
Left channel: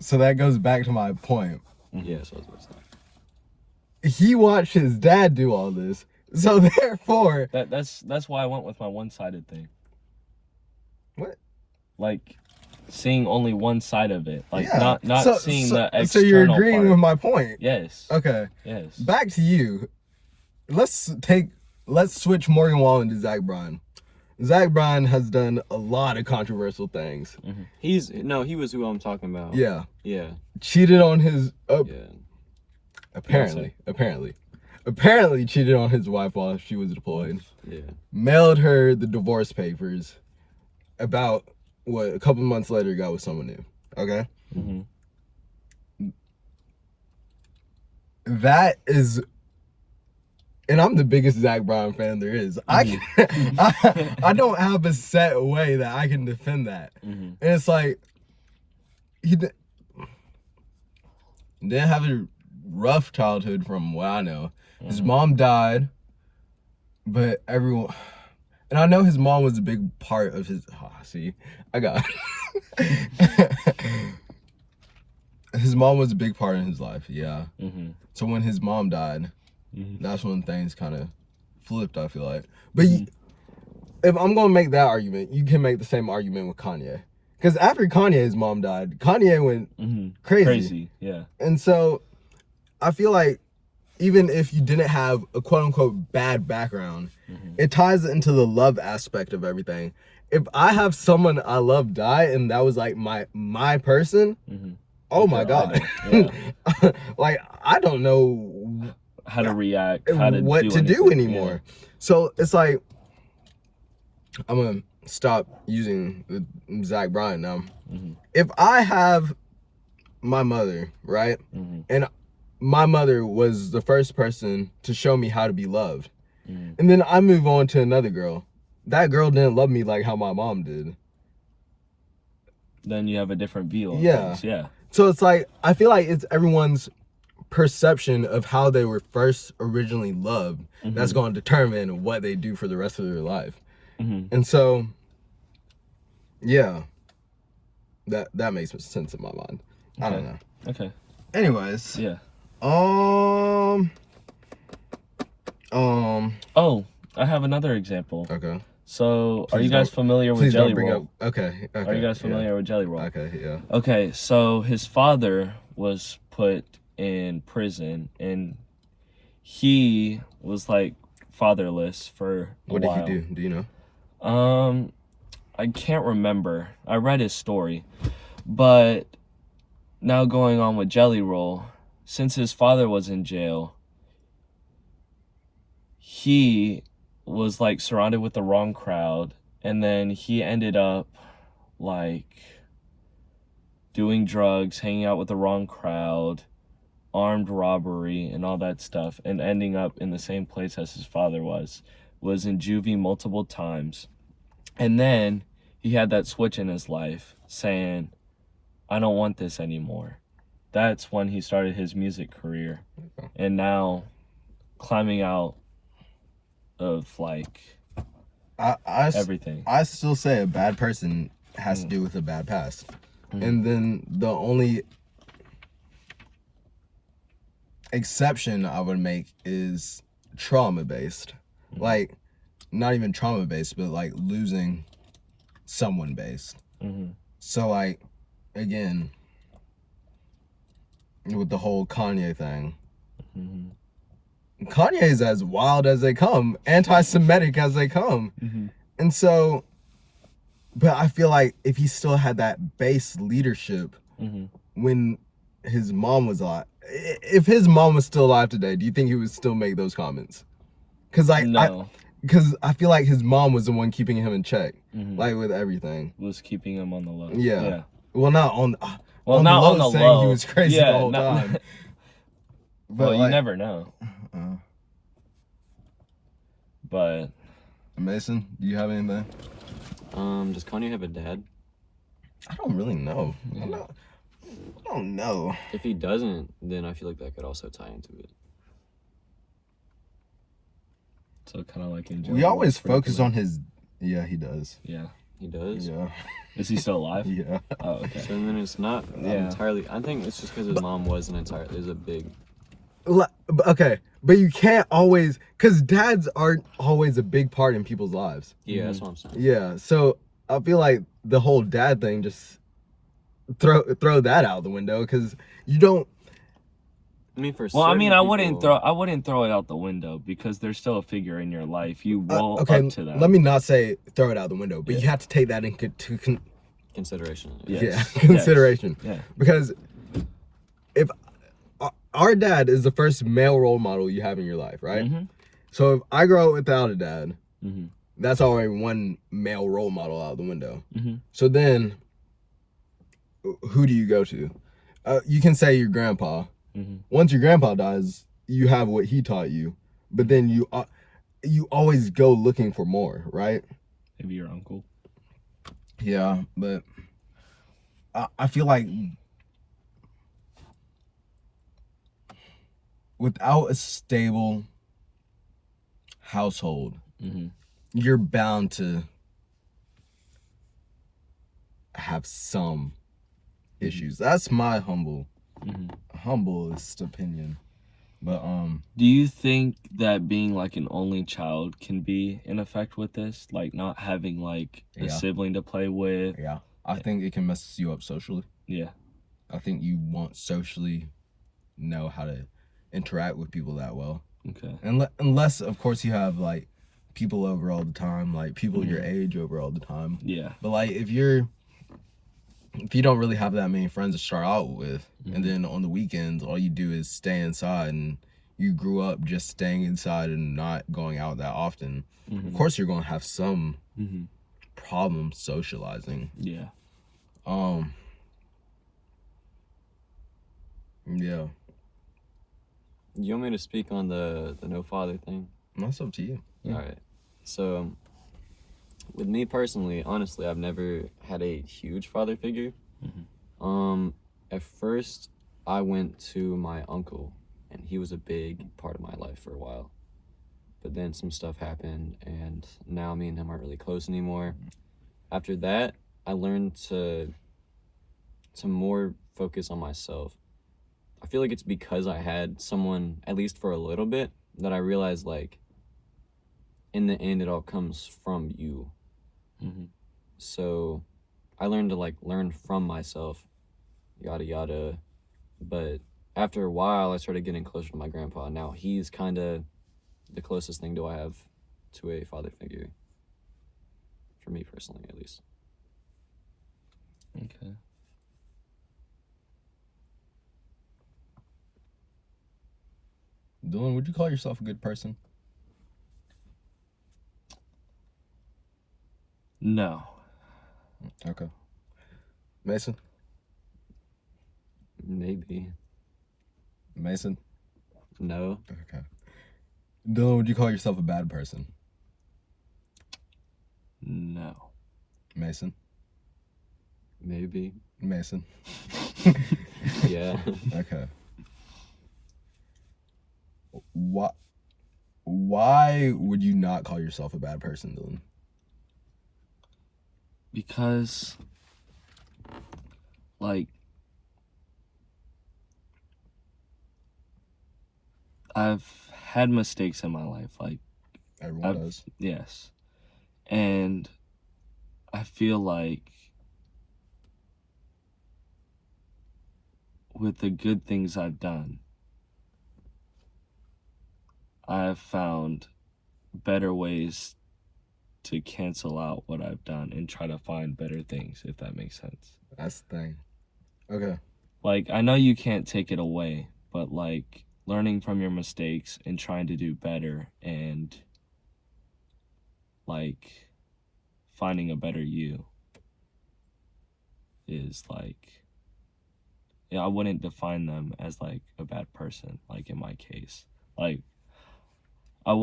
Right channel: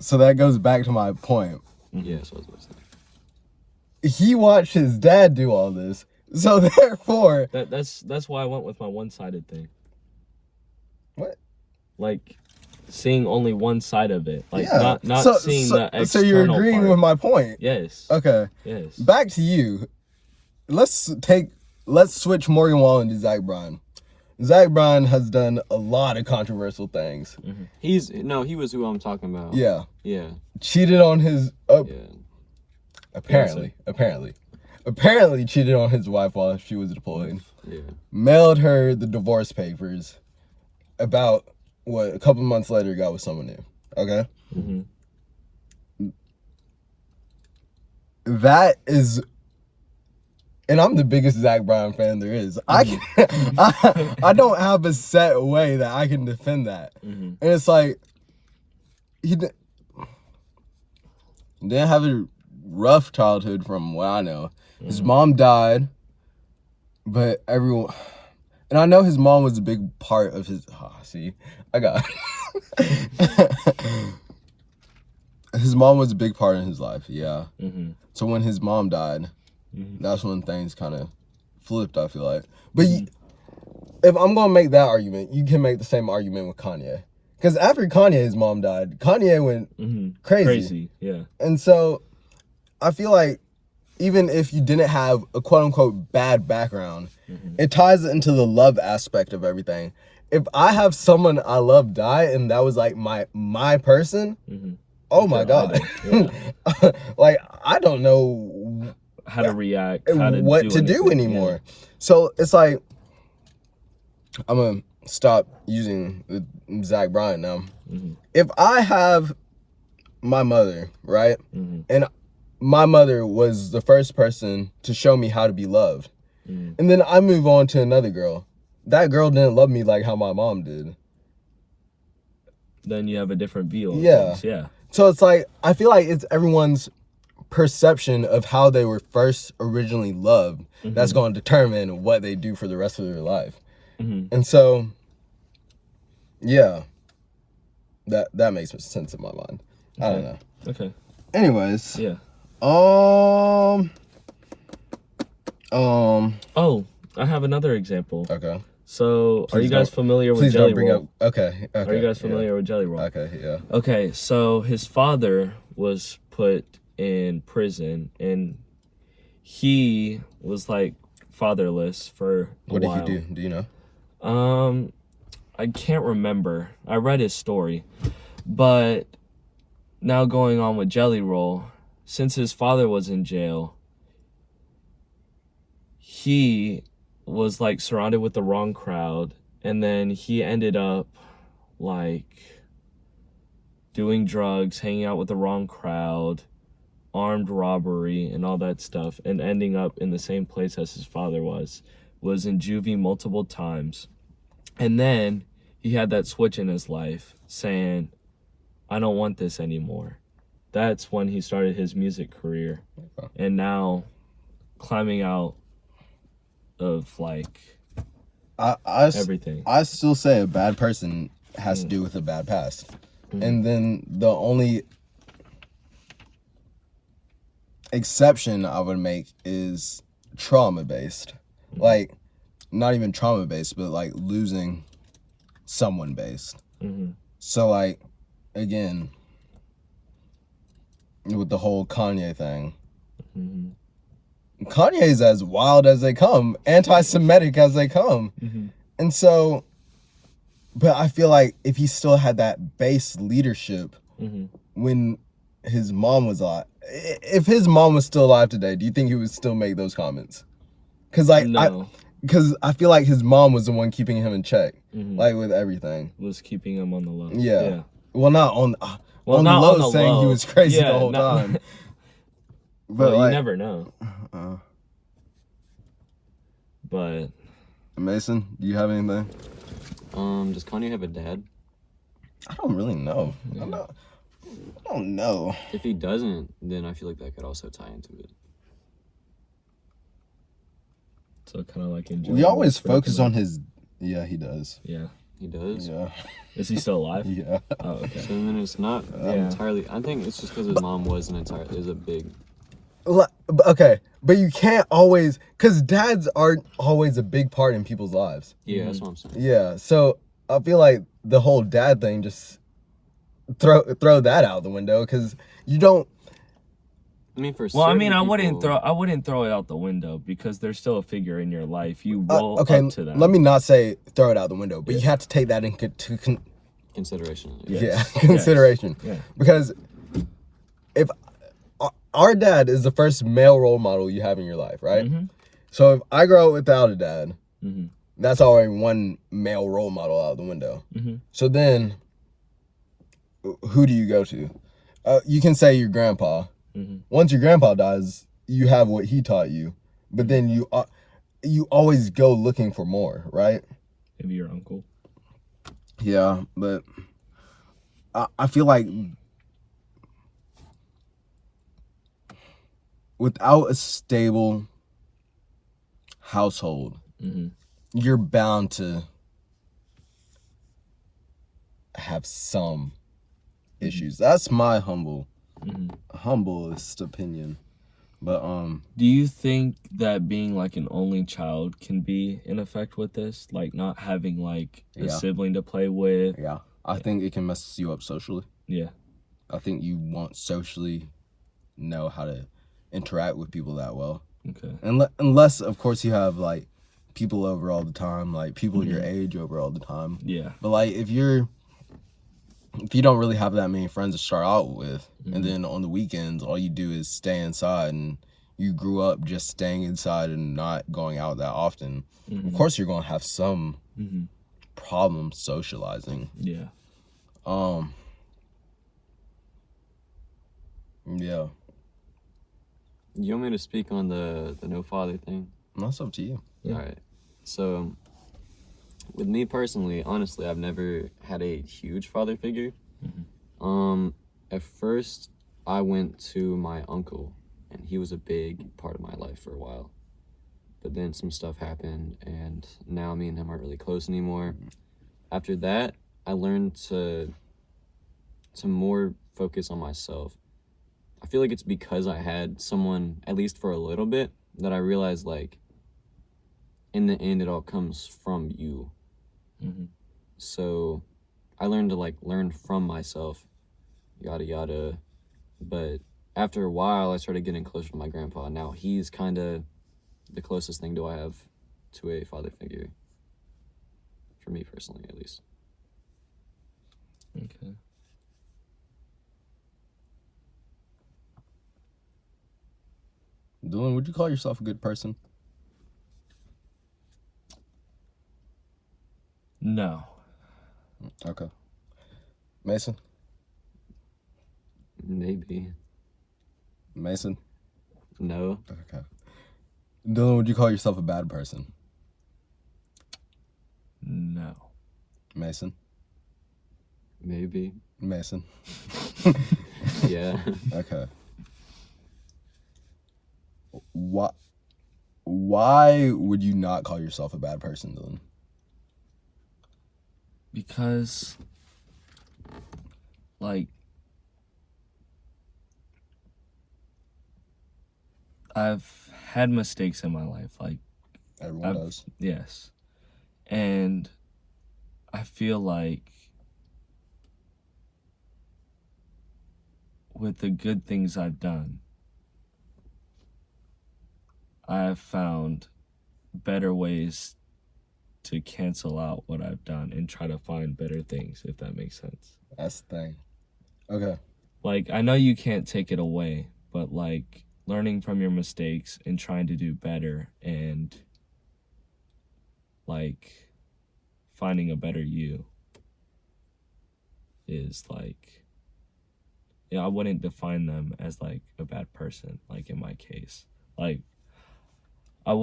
So that goes back to my point. Yeah, so I was about to say. He watched his dad do all this. So therefore, That's why I went with my one-sided thing. What? Like seeing only one side of it, like yeah. not seeing the external So you're agreeing part. with my point. Yes. Okay. Yes. Back to you. Let's switch Morgan Wallen to Zach Bryan. Zach Bryan has done a lot of controversial things. He was who I'm talking about. Yeah. Yeah. Cheated on his Yeah. apparently cheated on his wife while she was deployed. Yeah. Mailed her the divorce papers. About a couple months later, got with someone new. Okay. Mm-hmm. That is, and I'm the biggest Zach Bryan fan there is. I don't have a set way that I can defend that. Mm-hmm. And it's like he didn't have a rough childhood from what I know. His mom died, but everyone, and I know his mom was a big part of his. His mom was a big part in his life. Yeah. Mm-hmm. So when his mom died, Mm-hmm. that's when things kind of flipped, I feel like. But if I'm going to make that argument, you can make the same argument with Kanye. Because after Kanye's mom died, Kanye went crazy. Yeah. And so I feel like even if you didn't have a quote unquote bad background, it ties into the love aspect of everything. If I have someone I love die and that was like my person, oh my God. Yeah. Like, I don't know How to react, how to what do to do anything. anymore. So it's like, I'm gonna stop using the Zach Bryan now. If I have my mother, right, and my mother was the first person to show me how to be loved, and then I move on to another girl, that girl didn't love me like how my mom did. Then you have a different view of Yeah. things. Yeah. So it's like, I feel like it's everyone's perception of how they were first originally loved that's going to determine what they do for the rest of their life. And so, yeah, that makes sense in my mind. Okay. I don't know. Okay. Anyways, Yeah. Oh, I have another example. okay. So, are Please you guys don't- familiar with Please Jelly don't bring Roll? up. Okay. Are you guys familiar with Jelly Roll? Okay. Yeah. Okay, so his father was put in prison, and he was like fatherless for a What while. did he do? Do you know? I can't remember. I read his story, but now going on with Jelly Roll, since his father was in jail, he was like surrounded with the wrong crowd, and then he ended up like doing drugs, hanging out with the wrong crowd, armed robbery, and all that stuff, and ending up in the same place as his father was in juvie multiple times. And then he had that switch in his life saying, I don't want this anymore. That's when he started his music career. And now climbing out of like everything. I still say a bad person has to do with a bad past. And then the only exception I would make is trauma based. Like, not even trauma based, but like losing someone based. So like, again, with the whole Kanye thing, Kanye's as wild as they come, anti-Semitic as they come. And so, but I feel like if he still had that base leadership when his mom was alive, if his mom was still alive today, do you think he would still make those comments? Because like, No. Because I feel like his mom was the one keeping him in check, like with everything. Was keeping him on the low. Yeah. Well, not on. Well, on not the low, on the saying low. he was crazy Yeah, the whole not- time. But like, you never know. But Mason, do you have anything? Does Kanye have a dad? I don't really know. I don't know. If he doesn't, then I feel like that could also tie into it. so kind of like in We always focus on his. Yeah, he does. Yeah. He does? Yeah. Is he still alive? Yeah. Oh, okay. So then it's not Yeah. entirely. I think it's just because his mom wasn't entirely. Is a big. Okay, but you can't always, because dads aren't always a big part in people's lives. Yeah, that's what I'm saying. Yeah, so I feel like the whole dad thing, just throw that out the window, because you don't. I mean, for Well, I certain mean, I people- wouldn't throw it out the window because there's still a figure in your life. You roll Okay, up to them. let me not say throw it out the window, but you have to take that into consideration. Yes. consideration. Yeah. Because if our dad is the first male role model you have in your life, right? So if I grow up without a dad, that's already one male role model out the window. So then, who do you go to? You can say your grandpa. Once your grandpa dies, you have what he taught you, but then you always go looking for more, right? Maybe your uncle. Yeah, but I feel like without a stable household, you're bound to have some issues. That's my humblest opinion. But Do you think that being like an only child can be in effect with this? Like not having like a Yeah. sibling to play with? yeah, I think it can mess you up socially. Yeah. I think you won't socially know how to interact with people that well. Okay. Unless, of course, you have like people over all the time, like people your age over all the time. Yeah. But like if you don't really have that many friends to start out with, and then on the weekends all you do is stay inside, and you grew up just staying inside and not going out that often, of course you're gonna have some problem socializing. Yeah. Yeah. You want me to speak on the no father thing? That's up to you. Yeah. All right. So, with me personally, honestly, I've never had a huge father figure. At first, I went to my uncle, and he was a big part of my life for a while. But then some stuff happened, and now me and him aren't really close anymore. After that, I learned to more focus on myself. I feel like it's because I had someone, at least for a little bit, that I realized, like, in the end, it all comes from you. So I learned to, like, learn from myself, yada, yada. But after a while, I started getting closer to my grandpa. Now he's kind of the closest thing I have to a father figure. For me personally, at least. Okay. Dylan, would you call yourself a good person? No. Okay. Mason? Maybe. Mason? No. Okay. Dylan, would you call yourself a bad person? No. Mason? Maybe. Mason? Yeah. Okay. Why would you not call yourself a bad person, Dylan? Because, like, I've had mistakes in my life, like, Everyone does. yes. And I feel like with the good things I've done, I have found better ways to cancel out what I've done and try to find better things, if that makes sense. That's the thing. Okay. Like, I know you can't take it away, but like learning from your mistakes and trying to do better and like finding a better you is like, yeah, I wouldn't define them as like a bad person, like in my case. Like, I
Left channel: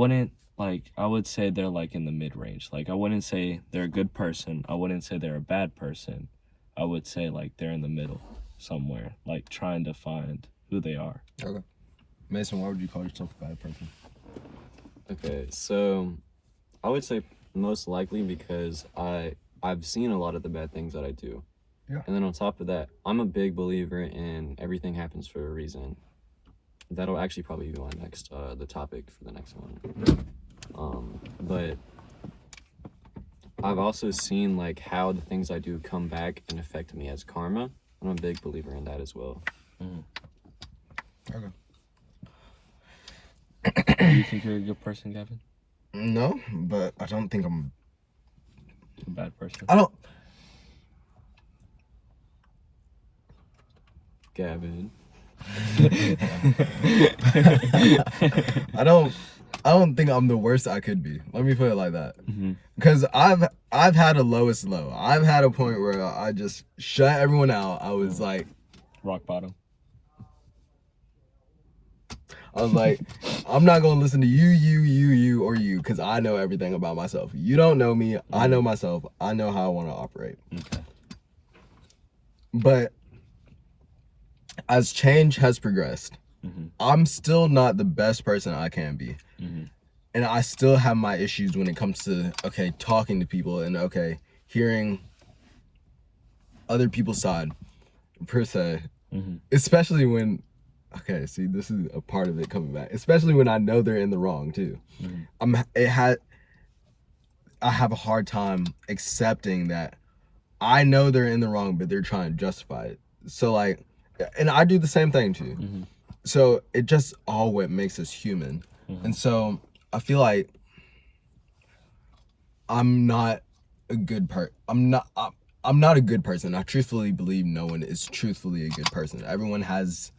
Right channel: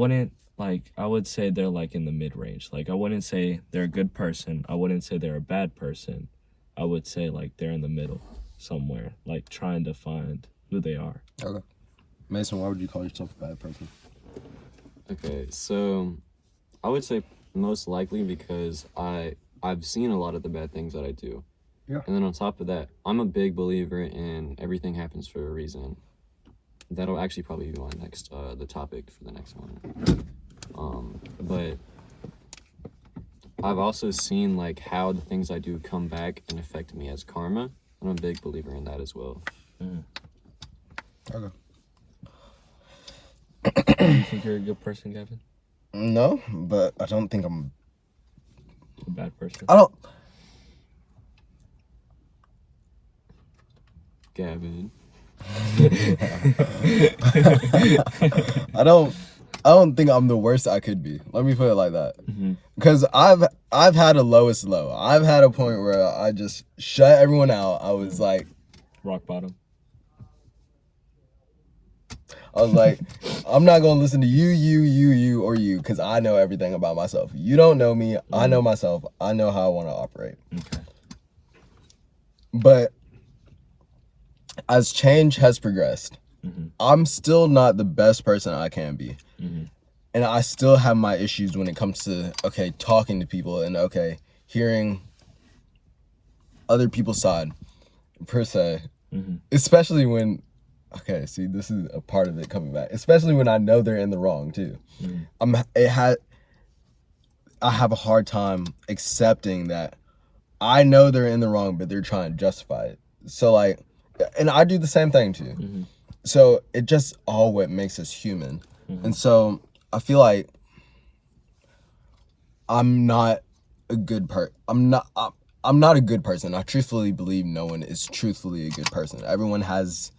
would say they're like in the mid-range. Like, I wouldn't say they're a good person. I wouldn't say they're a bad person. I would say like they're in the middle somewhere, like trying to find who they are. Okay. Mason, why would you call yourself a bad person? Okay, so I would say most likely because I've seen a lot of the bad things that I do. Yeah. And then on top of that, I'm a big believer in everything happens for a reason. That'll actually probably be my next the topic for the next one. But I've also seen like how the things I do come back and affect me as karma. I'm a big believer in that as well. Okay. Do you think you're a good person, Gavin? No, but I don't think I'm A bad person? I don't Gavin. I don't think I'm the worst I could be. Let me put it like that. Because I've had a lowest low. I've had a point where I just shut everyone out. I was like, Rock bottom. I'm not gonna listen to you, or you, because I know everything about myself. You don't know me. I know myself. I know how I want to operate. Okay. But as change has progressed, I'm still not the best person I can be. And I still have my issues when it comes to, okay, talking to people and, okay, hearing other people's side, per se. Especially when, okay, see, this is a part of it coming back. Especially when I know they're in the wrong, too. I have a hard time accepting that I know they're in the wrong, but they're trying to justify it. So, like, and I do the same thing, too. so it just all what makes us human. And so I feel like I'm not a good I'm not a good person. I truthfully believe no one is truthfully a good person. Everyone has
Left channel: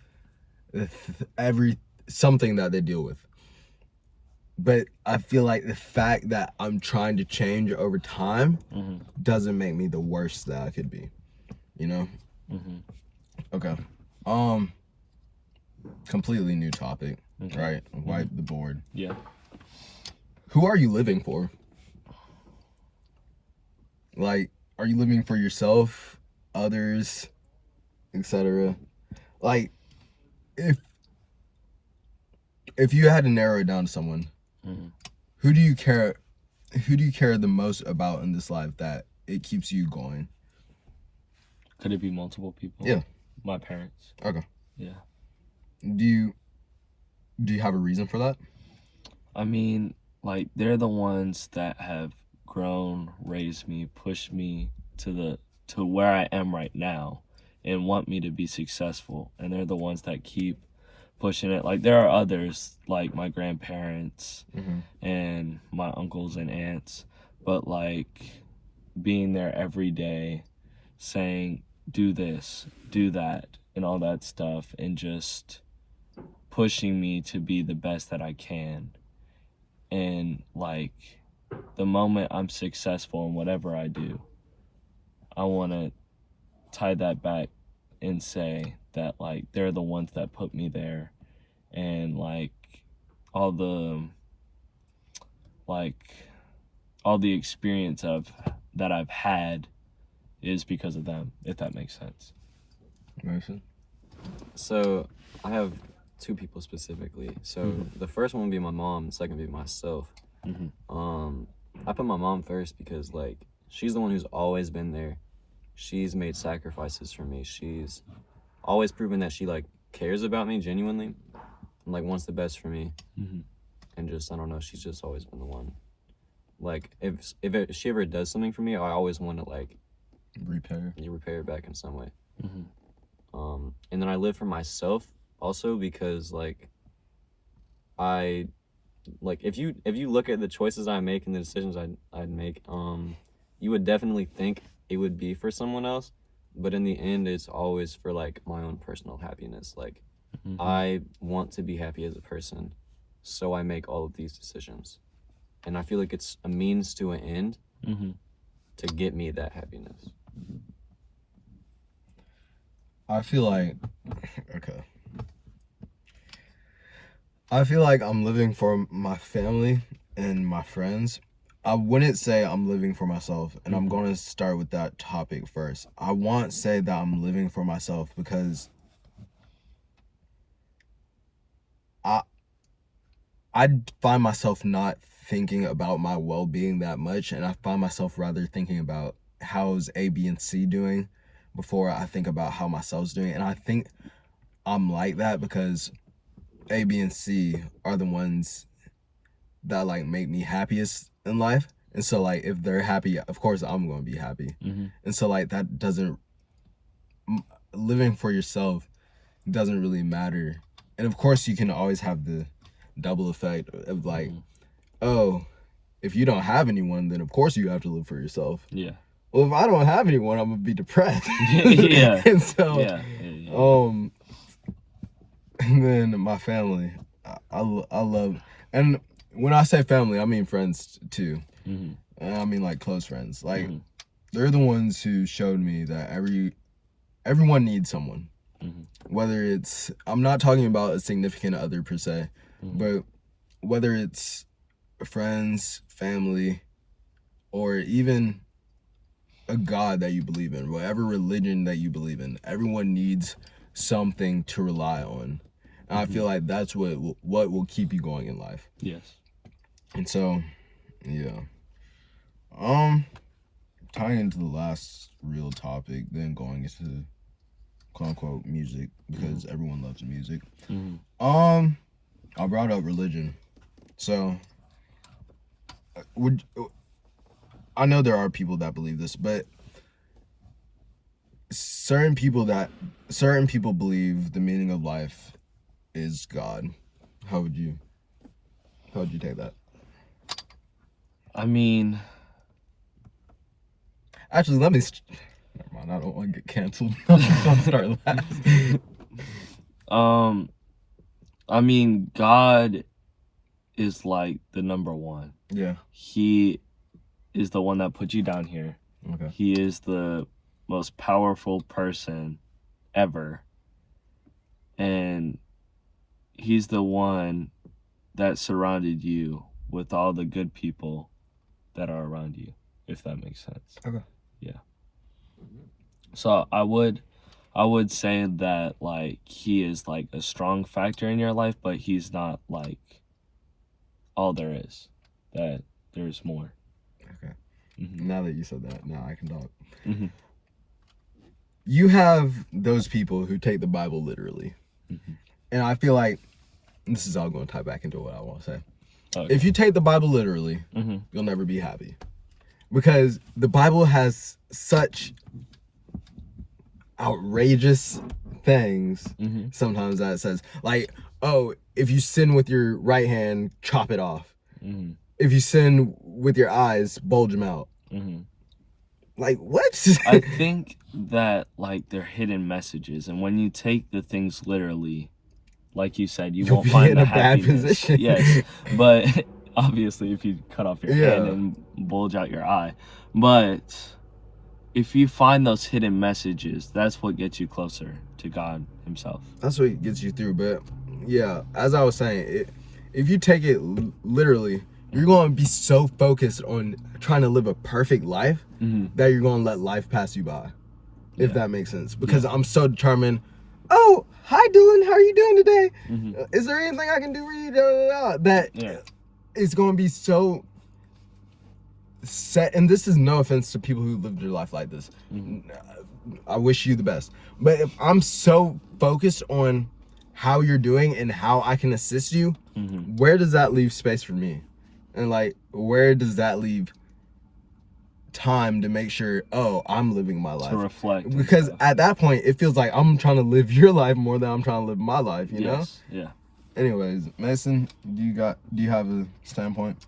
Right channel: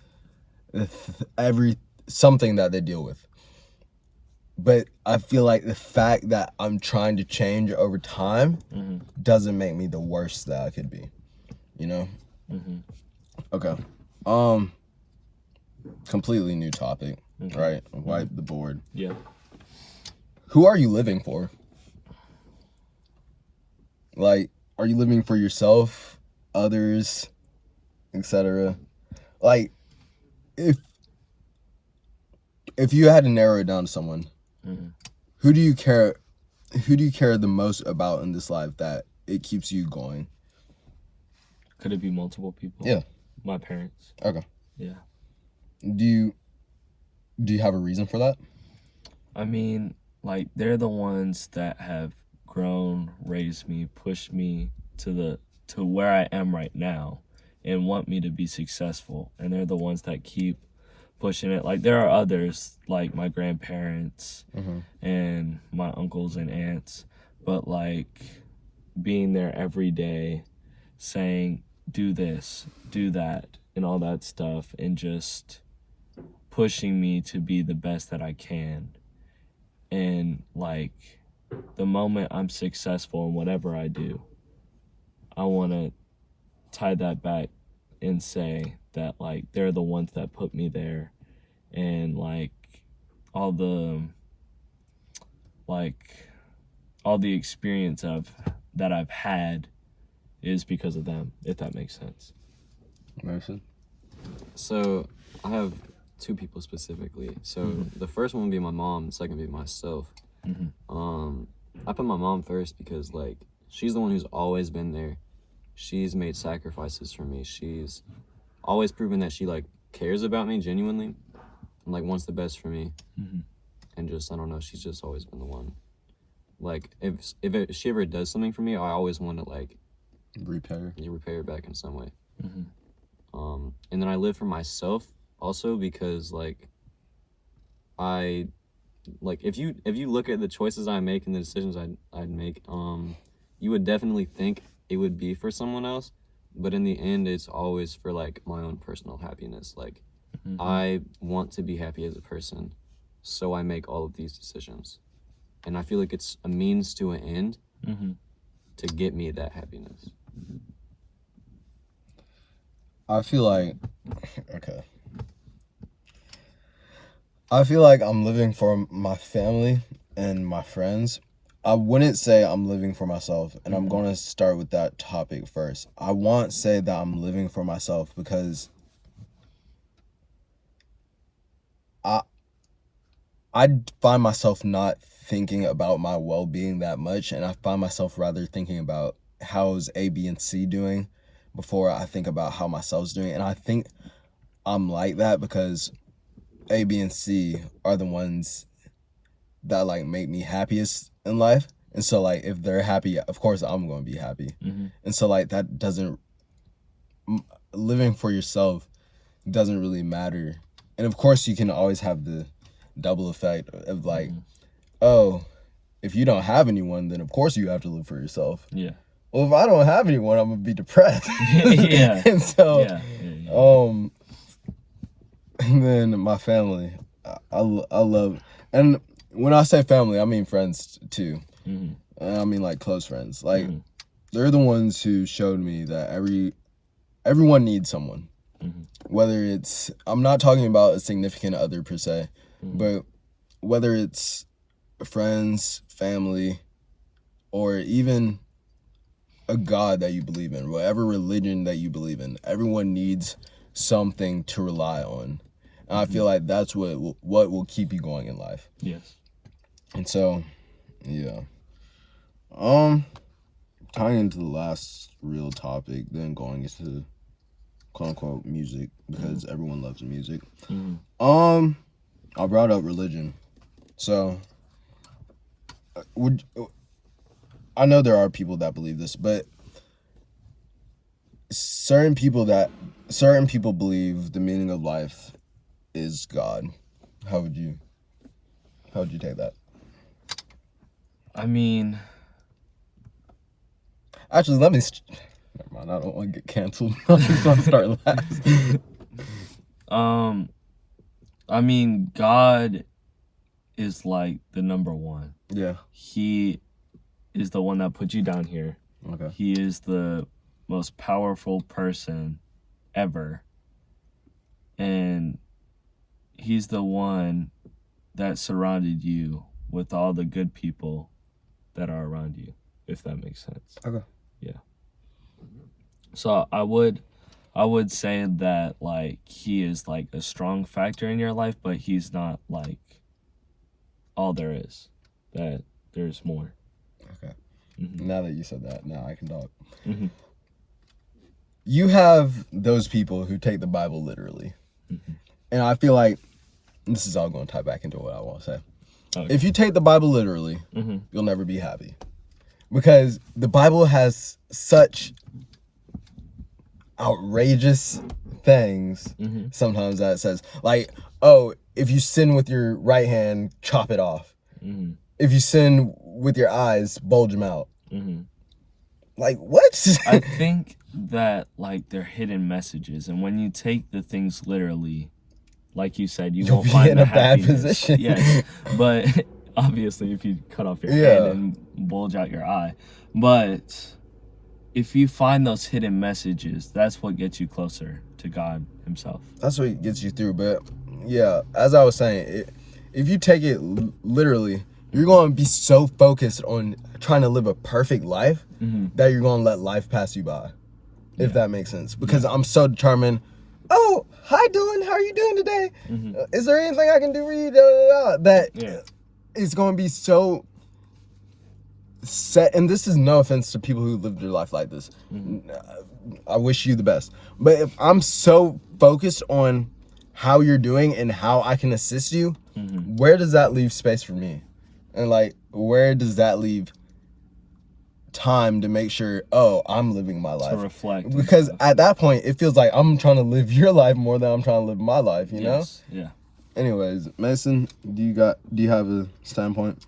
something that they deal with. But I feel like the fact that I'm trying to change over time doesn't make me the worst that I could be. You know? Okay. Completely new topic, right? Wipe the board. Yeah. Who are you living for? Like, are you living for yourself, others, etc.? Like, if you had to narrow it down to someone, who do you care the most about in this life that it keeps you going? Could it be multiple people? Yeah. My parents. Okay. Yeah. Do you have a reason for that? I mean, like, they're the ones that have grown, raised me, pushed me to where I am right now and want me to be successful. And they're the ones that keep pushing it. Like, there are others, like my grandparents and my uncles and aunts, but like being there every day saying, do this, do that, and all that stuff, and just pushing me to be the best that I can. And like, the moment I'm successful in whatever I do, I want to tie that back and say that, like, they're the ones that put me there, and like all the experience that I've had is because of them, if that makes sense. Mason? So I have two people specifically. So the first one would be my mom, the second would be myself. I put my mom first because, like, she's the one who's always been there. She's made sacrifices for me. She's always proven that she, like, cares about me genuinely and, like, wants the best for me. And just, I don't know, she's just always been the one. Like, if she ever does something for me, I always want to, like, repair it back in some way. And then I live for myself also because, like, if you look at the choices I make and the decisions I'd make, you would definitely think it would be for someone else, but in the end, it's always for, like, my own personal happiness. Like, I want to be happy as a person, so I make all of these decisions, and I feel like it's a means to an end to get me that happiness. I feel like, okay. I feel like I'm living for my family and my friends. I wouldn't say I'm living for myself, and I'm going to start with that topic first. I won't say that I'm living for myself because I find myself not thinking about my well-being that much, and I find myself rather thinking about how's A, B, and C doing before I think about how myself's doing. And I think I'm like that because A, B, and C are the ones that, like, make me happiest in life. And so, like, if they're happy, of course I'm going to be happy. And so, like, that doesn't, living for yourself doesn't really matter. And of course you can always have the double effect of, like, oh, if you don't have anyone, then of course you have to live for yourself. Yeah. Well, if I don't have anyone, I'm gonna be depressed. Yeah. And so, Yeah. and then my family, I love, and when I say family, I mean friends too. I mean, like, close friends. Like, they're the ones who showed me that everyone needs someone. Whether it's, I'm not talking about a significant other per se, but whether it's friends, family, or even a God that you believe in, whatever religion that you believe in, everyone needs something to rely on. And I feel like that's what will keep you going in life. Yes. And so, yeah. Tying into the last real topic, then going into quote unquote music, because everyone loves music. I brought up religion. So I know there are people that believe this, but certain people believe the meaning of life is God. How would you take that? I mean, Actually, never mind. I don't want to get canceled. I'm just gonna start last. I mean, God is like the number one. Yeah. He is the one that put you down here. Okay. He is the most powerful person ever. And he's the one that surrounded you with all the good people that are around you, if that makes sense. Okay. Yeah. So I would say that like he is like a strong factor in your life, but he's not like all there is. That there's more. Okay. Mm-hmm. Now that you said that, now I can talk. Mm-hmm. You have those people who take the Bible literally. Mm-hmm. And I feel like this is all going to tie back into what I want to say. Okay. If you take the Bible literally, Mm-hmm. you'll never be happy. Because the Bible has such outrageous things Mm-hmm. sometimes that it says. Like, oh, if you sin with your right hand, chop it off. Mm-hmm. If you sin with your eyes, bulge them out. Mm-hmm. Like, what? I think that like they're hidden messages, and when you take the things literally, like you said, You'll won't be find in the a bad happiness. position. Yes, but obviously, if you cut off your hand Yeah. and bulge out your eye, but if you find those hidden messages, that's what gets you closer to God Himself. That's what gets you through. But yeah, as I was saying, if you take it literally, you're going to be so focused on trying to live a perfect life Mm-hmm. that you're going to let life pass you by, if Yeah. that makes sense. Because I'm so determined. Oh, hi, Dylan. How are you doing today? Mm-hmm. Is there anything I can do for you? Da, da, da. That Yeah. it's going to be so set. And this is no offense to people who live their life like this. Mm-hmm. I wish you the best. But if I'm so focused on how you're doing and how I can assist you, Mm-hmm. where does that leave space for me? And like, where does that leave time to make sure, oh, I'm living my To life? reflect. and Because stuff. at that point, it feels like I'm trying to live your life more than I'm trying to live my life, you know? Yes. Yeah. Anyways, Mason, do you have a standpoint?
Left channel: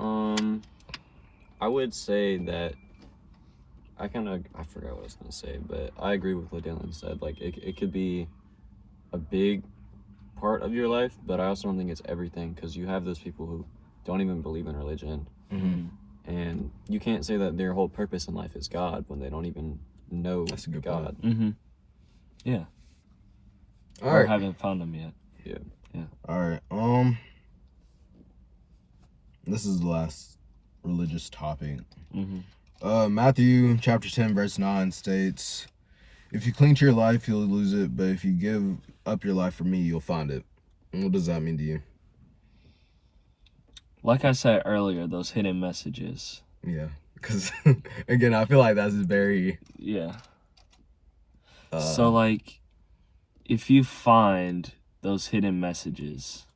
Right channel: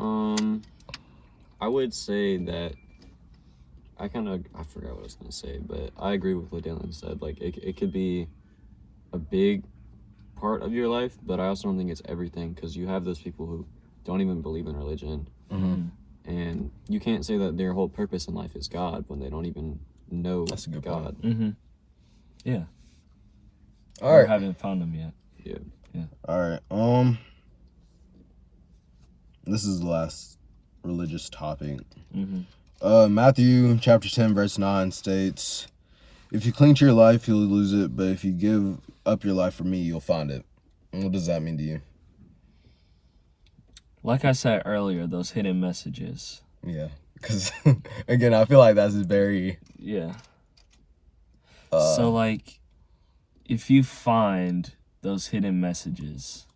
I would say that I forgot what I was gonna say, but I agree with what Dylan said. Like it could be a big part of your life, but I also don't think it's everything, because you have those people who don't even believe in religion, Mm-hmm. and you can't say that their whole purpose in life is God when they don't even know That's a good God. Mm-hmm. Yeah. All Or right. haven't found them yet. Yeah. All right. This is the last religious topic. Mm-hmm. Matthew chapter 10 verse 9 states, "If you cling to your life, you'll lose it, but if you give up your life for me, you'll find it." And what does that mean to you? Like I said earlier, those hidden messages. Yeah, because again, I feel like that's very Yeah. So like, if you find those hidden messages,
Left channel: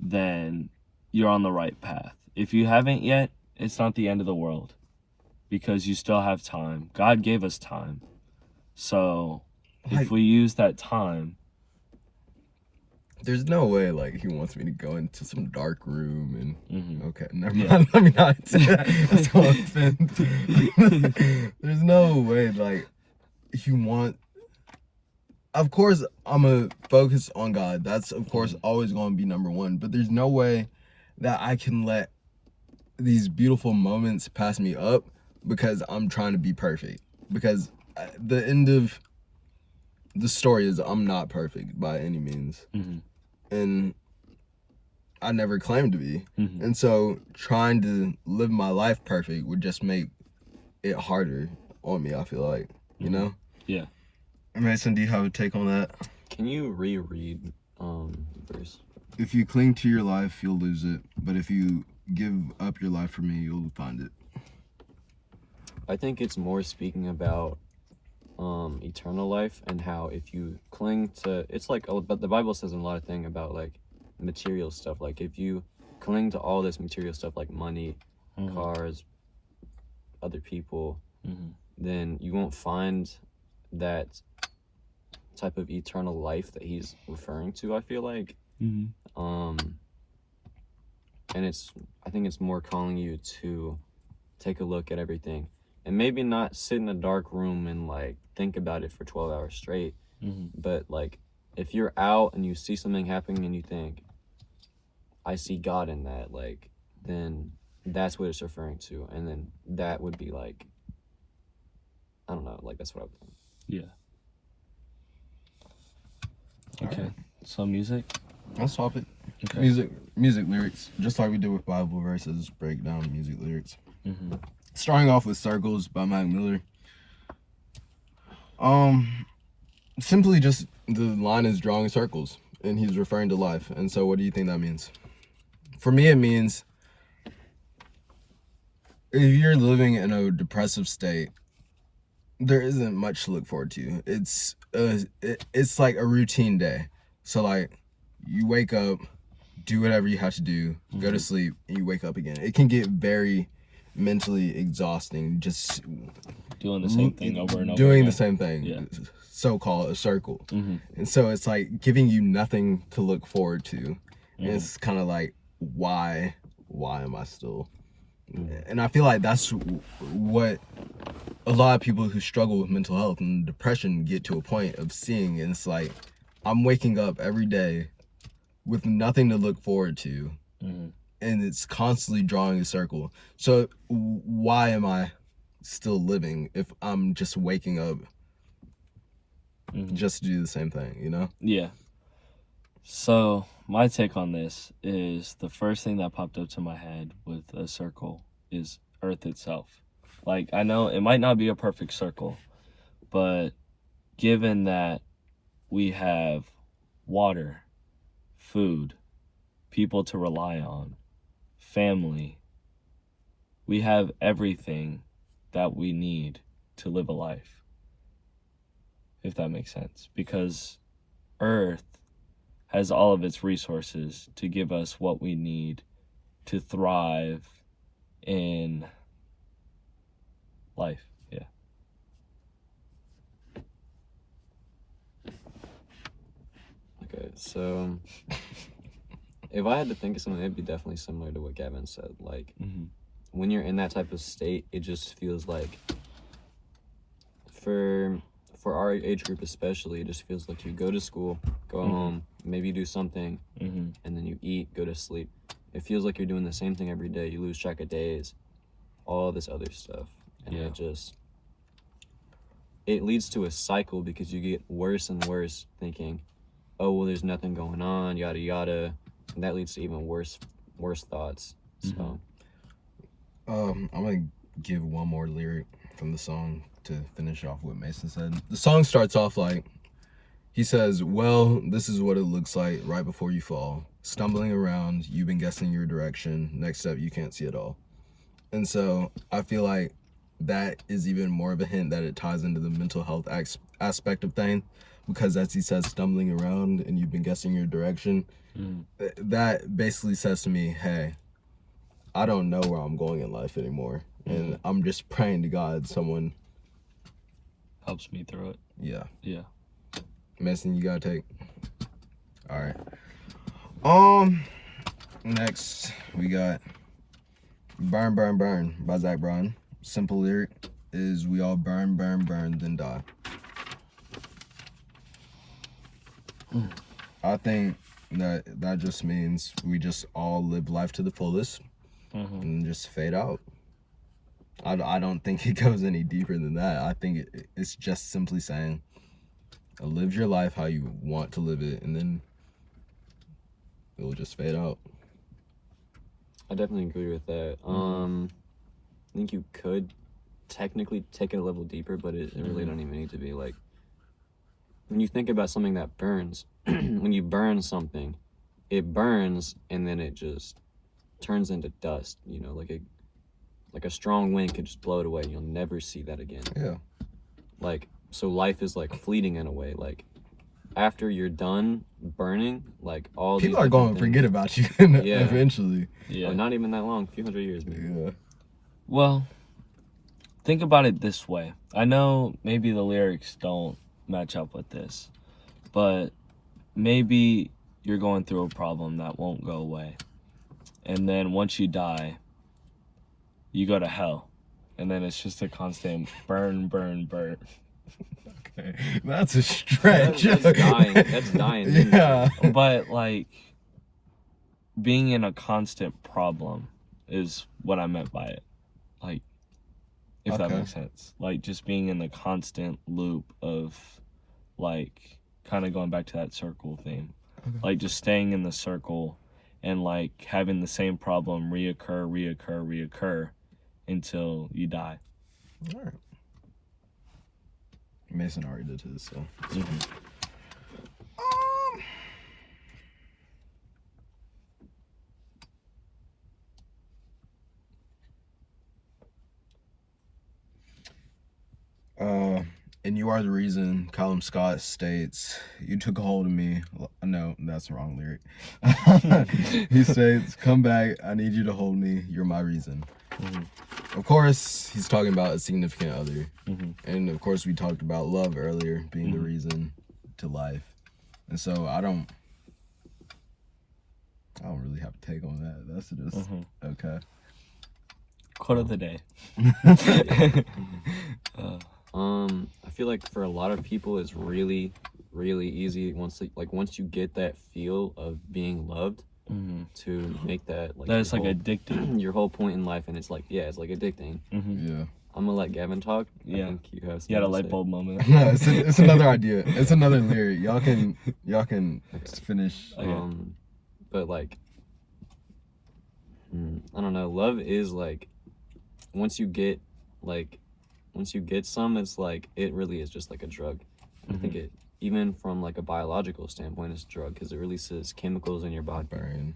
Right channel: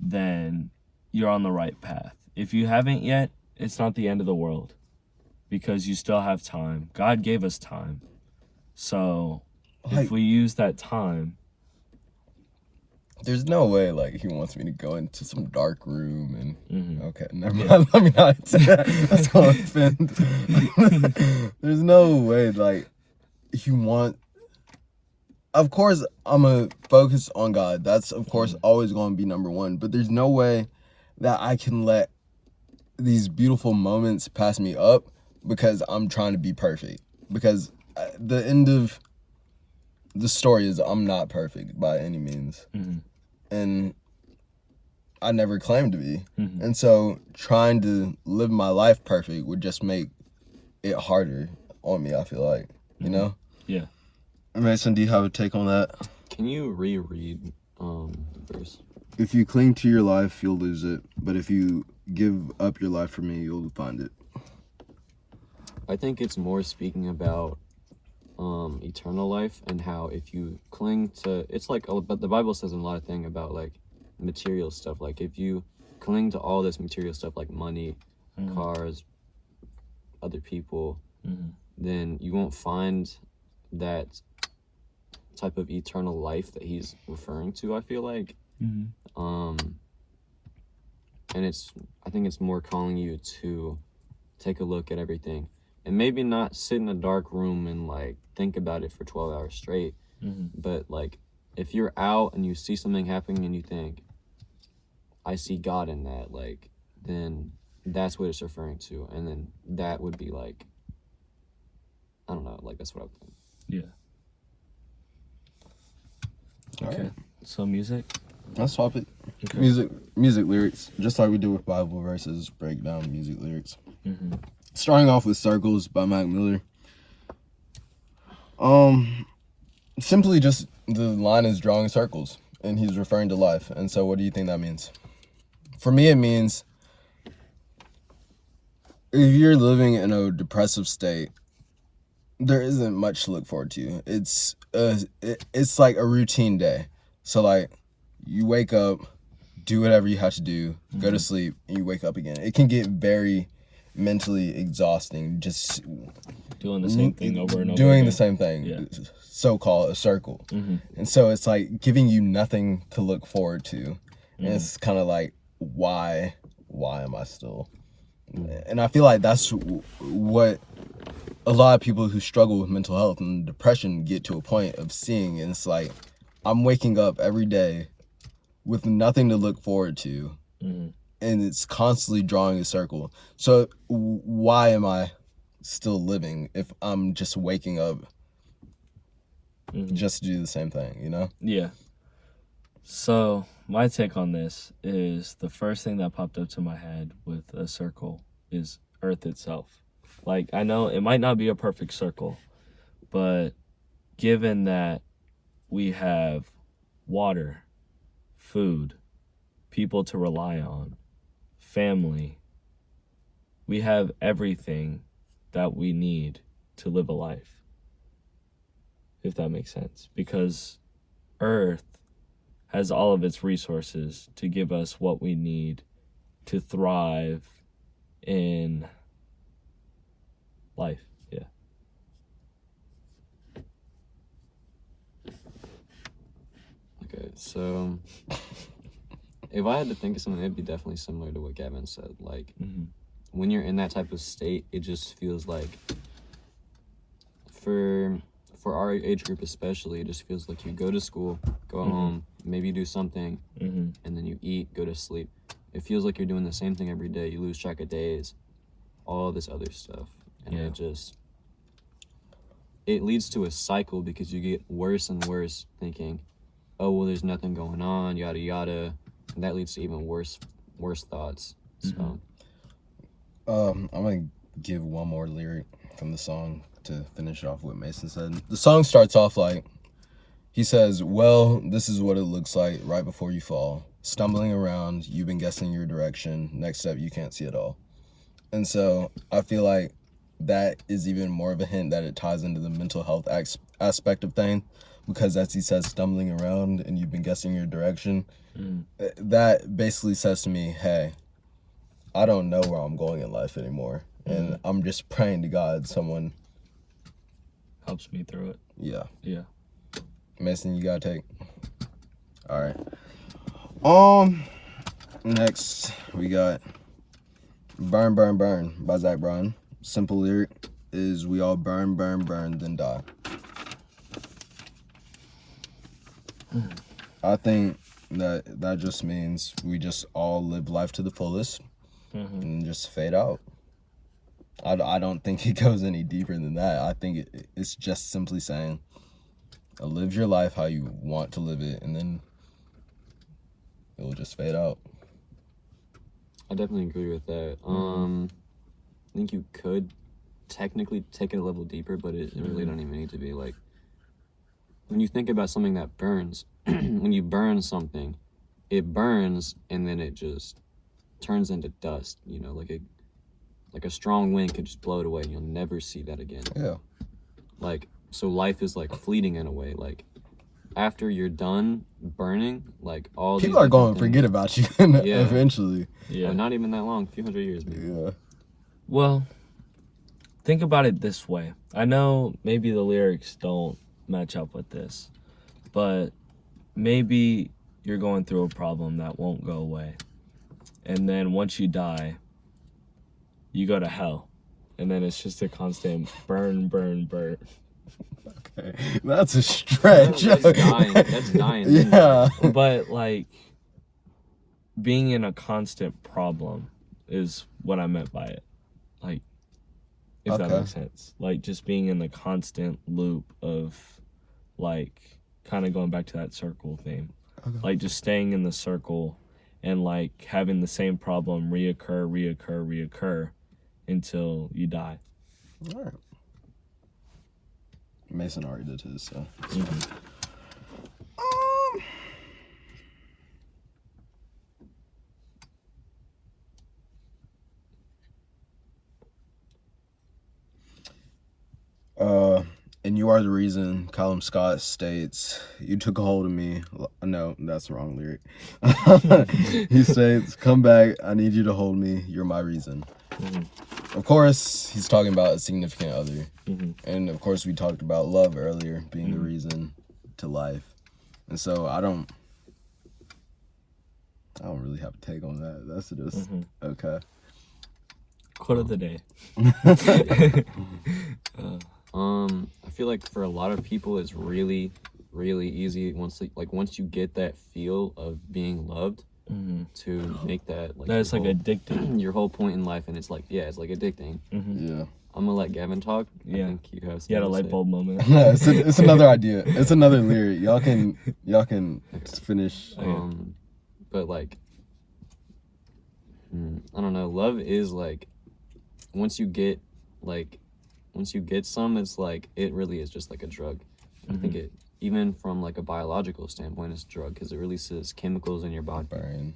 then you're on the right path. If you haven't yet, it's not the end of the world, because you still have time. God gave us time. So like, if we use that time, there's no way like he wants me to go into some dark room and Mhm. okay, never Yeah. mind. Let me not say that. That's gonna offend. There's no way like you want. Of course, I'm gonna focus on God. That's of course always gonna be number one. But there's no way that I can let these beautiful moments pass me up because I'm trying to be perfect. Because the end of the story is I'm not perfect by any means. Mhm. And I never claimed to be. Mhm. And so trying to live my life perfect would just make it harder on me, I feel like. You know? Yeah. Mason, do you have a take on that? Can you reread verse? If you cling to your life, you'll lose it. But if you give up your life for me, you'll find it. I think it's more speaking about eternal life, and how if you cling to, it's like, but the Bible says a lot of things about like material stuff. Like if you cling to all this material stuff like money, Mhm. cars, other people, Mhm. then you won't find that type of eternal life that he's referring to, I feel like. And I think it's more calling you to take a look at everything and maybe not sit in a dark room and like think about it for 12 hours straight. But like if you're out and you see something happening and you think, I see God in that, like, then that's what it's referring to. And then that would be like, I don't know, like that's what I would think. Yeah. Okay. So music? Let's swap it. Okay. Music lyrics. Just like we do with Bible verses, break down music lyrics. Starting off with Circles by Mac Miller. Simply just the line is drawing circles and he's referring to life. And so what do you think that means? For me, it means if you're living in a depressive state, there isn't much to look forward to. It's like a routine day. So like you wake up, do whatever you have to do, go to sleep, and you wake up again. It can get very mentally exhausting just Doing the same thing over and over doing again. the same thing. Yeah. So-called a circle. And so it's like giving you nothing to look forward to. And it's kind of like, why am I still? And I feel like that's what a lot of people who struggle with mental health and depression get to a point of seeing. And it's like, I'm waking up every day with nothing to look forward to. And it's constantly drawing a circle. So why am I still living if I'm just waking up just to do the same thing, you know? Yeah. So my take on this is the first thing that popped up to my head with a circle is Earth itself. Like, I know it might not be a perfect circle, but given that we have water, food, people to rely on, family, we have everything that we need to live a life, if that makes sense. Because Earth has all of its resources to give us what we need to thrive in life. Yeah. Okay, so if I had to think of something, it'd be definitely similar to what Gavin said. Like, when you're in that type of state, it just feels like, for our age group especially, it just feels like you go to school, go home, maybe do something, and then you eat, go to sleep. It feels like you're doing the same thing every day. You lose track of days, all this other stuff. And it leads to a cycle because you get worse and worse thinking, oh, well, there's nothing going on, yada, yada. And that leads to even worse thoughts. So, I'm going to give one more lyric from the song to finish off what Mason said. The song starts off like, he says, well, this is what it looks like right before you fall. Stumbling around, you've been guessing your direction. Next step, you can't see it all. And so I feel like that is even more of a hint that it ties into the mental health aspect of things, because as he says, stumbling around and you've been guessing your direction, that basically says to me, hey, I don't know where I'm going in life anymore. And I'm just praying to God someone Helps me through it. Yeah. Mason, you gotta take. All right. Next we got "Burn, Burn, Burn" by Zach Bryan. Simple lyric is, we all burn, burn, burn, then die. I think that just means we just all live life to the fullest and just fade out. I don't think it goes any deeper than that. I think it's just simply saying, live your life how you want to live it, and then it will just fade out. I definitely agree with that. I think you could technically take it a level deeper, but it really don't even need to be. Like, when you think about something that burns, when you burn something, it burns and then it just turns into dust, you know, like a strong wind could just blow it away and you'll never see that again. Yeah. Like, so life is like fleeting in a way. Like, after you're done burning, like all people these are going to things, forget about you eventually. Yeah. Oh, not even that long, a few hundred years maybe. Yeah. Well, think about it this way. I know maybe the lyrics don't match up with this, but maybe you're going through a problem that won't go away. And then once you die, you go to hell. And then it's just a constant burn, burn, burn. Okay, that's a stretch. That's dying. That's dying. Yeah. But, like, being in a constant problem is what I meant by it. Like, if that Okay. makes sense. Like, just being in the constant loop of, like, kind of going back to that circle thing. Okay. Like, just staying in the circle and, like, having the same problem reoccur until you die. All right. Mason already did his, so. And you are the reason, Callum Scott states, you took a hold of me. No, that's the wrong lyric. He states, come back, I need you to hold me, you're my reason. Mm-hmm. Of course, he's talking about a significant other. Mm-hmm. And of course, we talked about love earlier being the reason to life. And so I don't really have a take on that. That's just okay. Quote of the day. I feel like for a lot of people, it's really, really easy once you get that feel of being loved to make that like That's like addicting. your whole point in life, and it's like it's like addicting. Yeah. I'm gonna let Gavin talk. Yeah. I think you have You had a something to light say. bulb moment. No, it's another idea. It's another lyric. Y'all can finish. But like, I don't know. Love is like, once you get some, it's like, it really is just like a drug. I think it, even from like a biological standpoint, it's a drug because it releases chemicals in your body,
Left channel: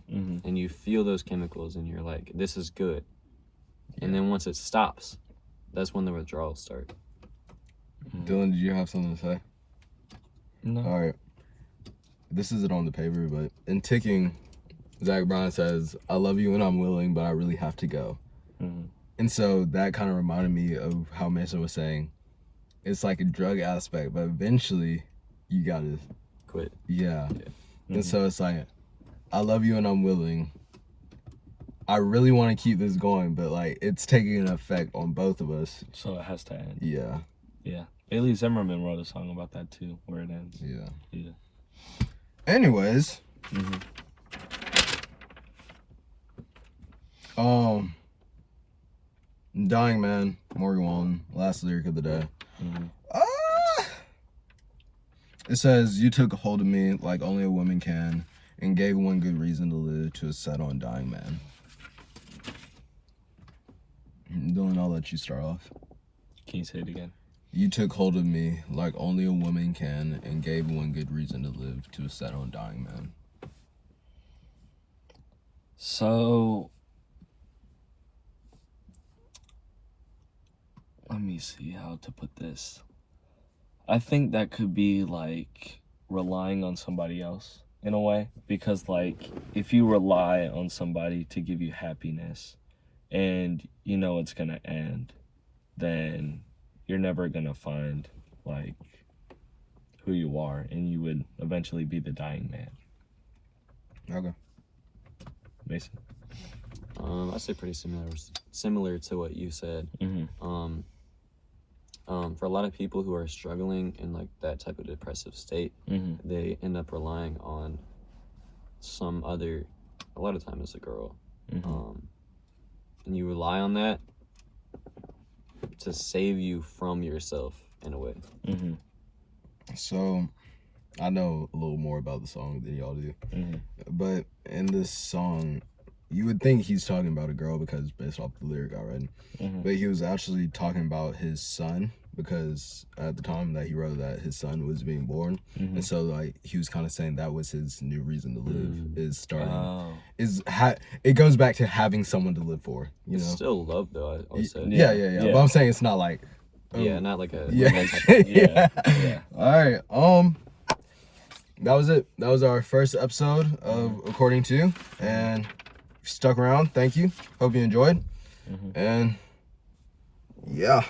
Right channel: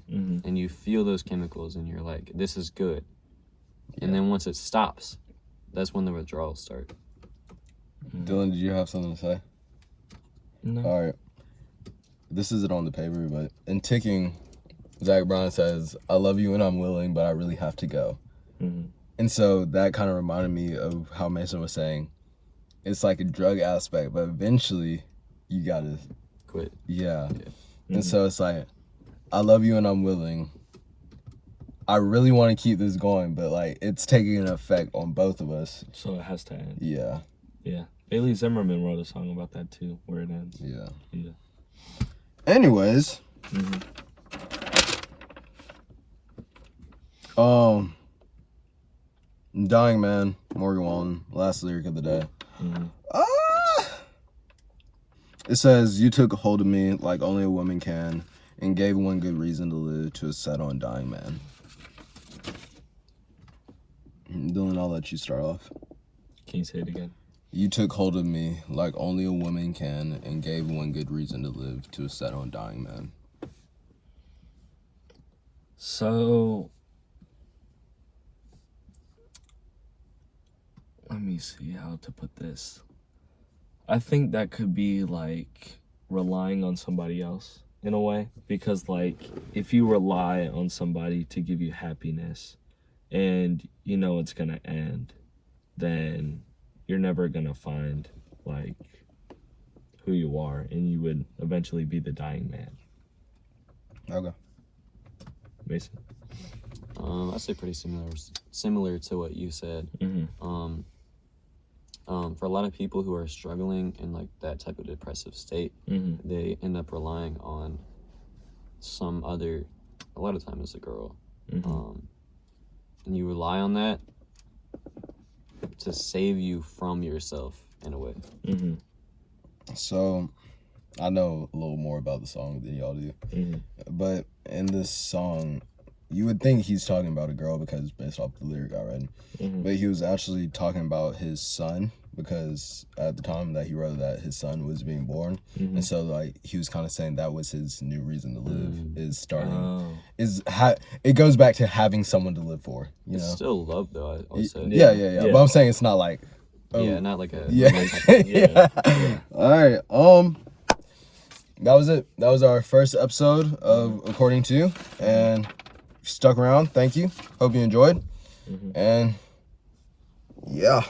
and you feel those chemicals, and you're like, this is good. And then once it stops, that's when the withdrawals start. Dylan, did you have something to say? No. All right. This isn't on the paper, but in ticking, Zach Bryan says, I love you and I'm willing, but I really have to go. And so that kind of reminded me of how Mason was saying, it's like a drug aspect, but eventually you gotta Quit. Yeah. And so it's like, I love you and I'm willing. I really want to keep this going, but like it's taking an effect on both of us. So it has to end. Yeah. Yeah. Bailey Zimmerman wrote a song about that too, where it ends. Yeah. Yeah. Anyways. Dying Man, Morgan Wallen, last lyric of the day. It says, you took a hold of me like only a woman can and gave one good reason to live to a set on Dying Man. Dylan, I'll let you start off. Can you say it again? You took hold of me like only a woman can and gave one good reason to live to a set on Dying Man. So, let me see how to put this. I think that could be like relying on somebody else in a way, because like if you rely on somebody to give you happiness and you know it's gonna end, then you're never gonna find like who you are, and you would eventually be the dying man. Okay. Mason. I say pretty similar to what you said. For a lot of people who are struggling in like that type of depressive state, they end up relying on some other, a lot of times it's a girl, and you rely on that to save you from yourself in a way. So, I know a little more about the song than y'all do, but in this song, you would think he's talking about a girl because it's based off the lyric I read, but he was actually talking about his son, because at the time that he wrote that, his son was being born, and so like he was kind of saying that was his new reason to live, is starting, it goes back to having someone to live for, you It's know? still love though, I would say. Yeah. But I'm saying it's not like, not like a romantic. Yeah. All right. That was it. That was our first episode of According To, and if you stuck around, thank you. Hope you enjoyed. And yeah.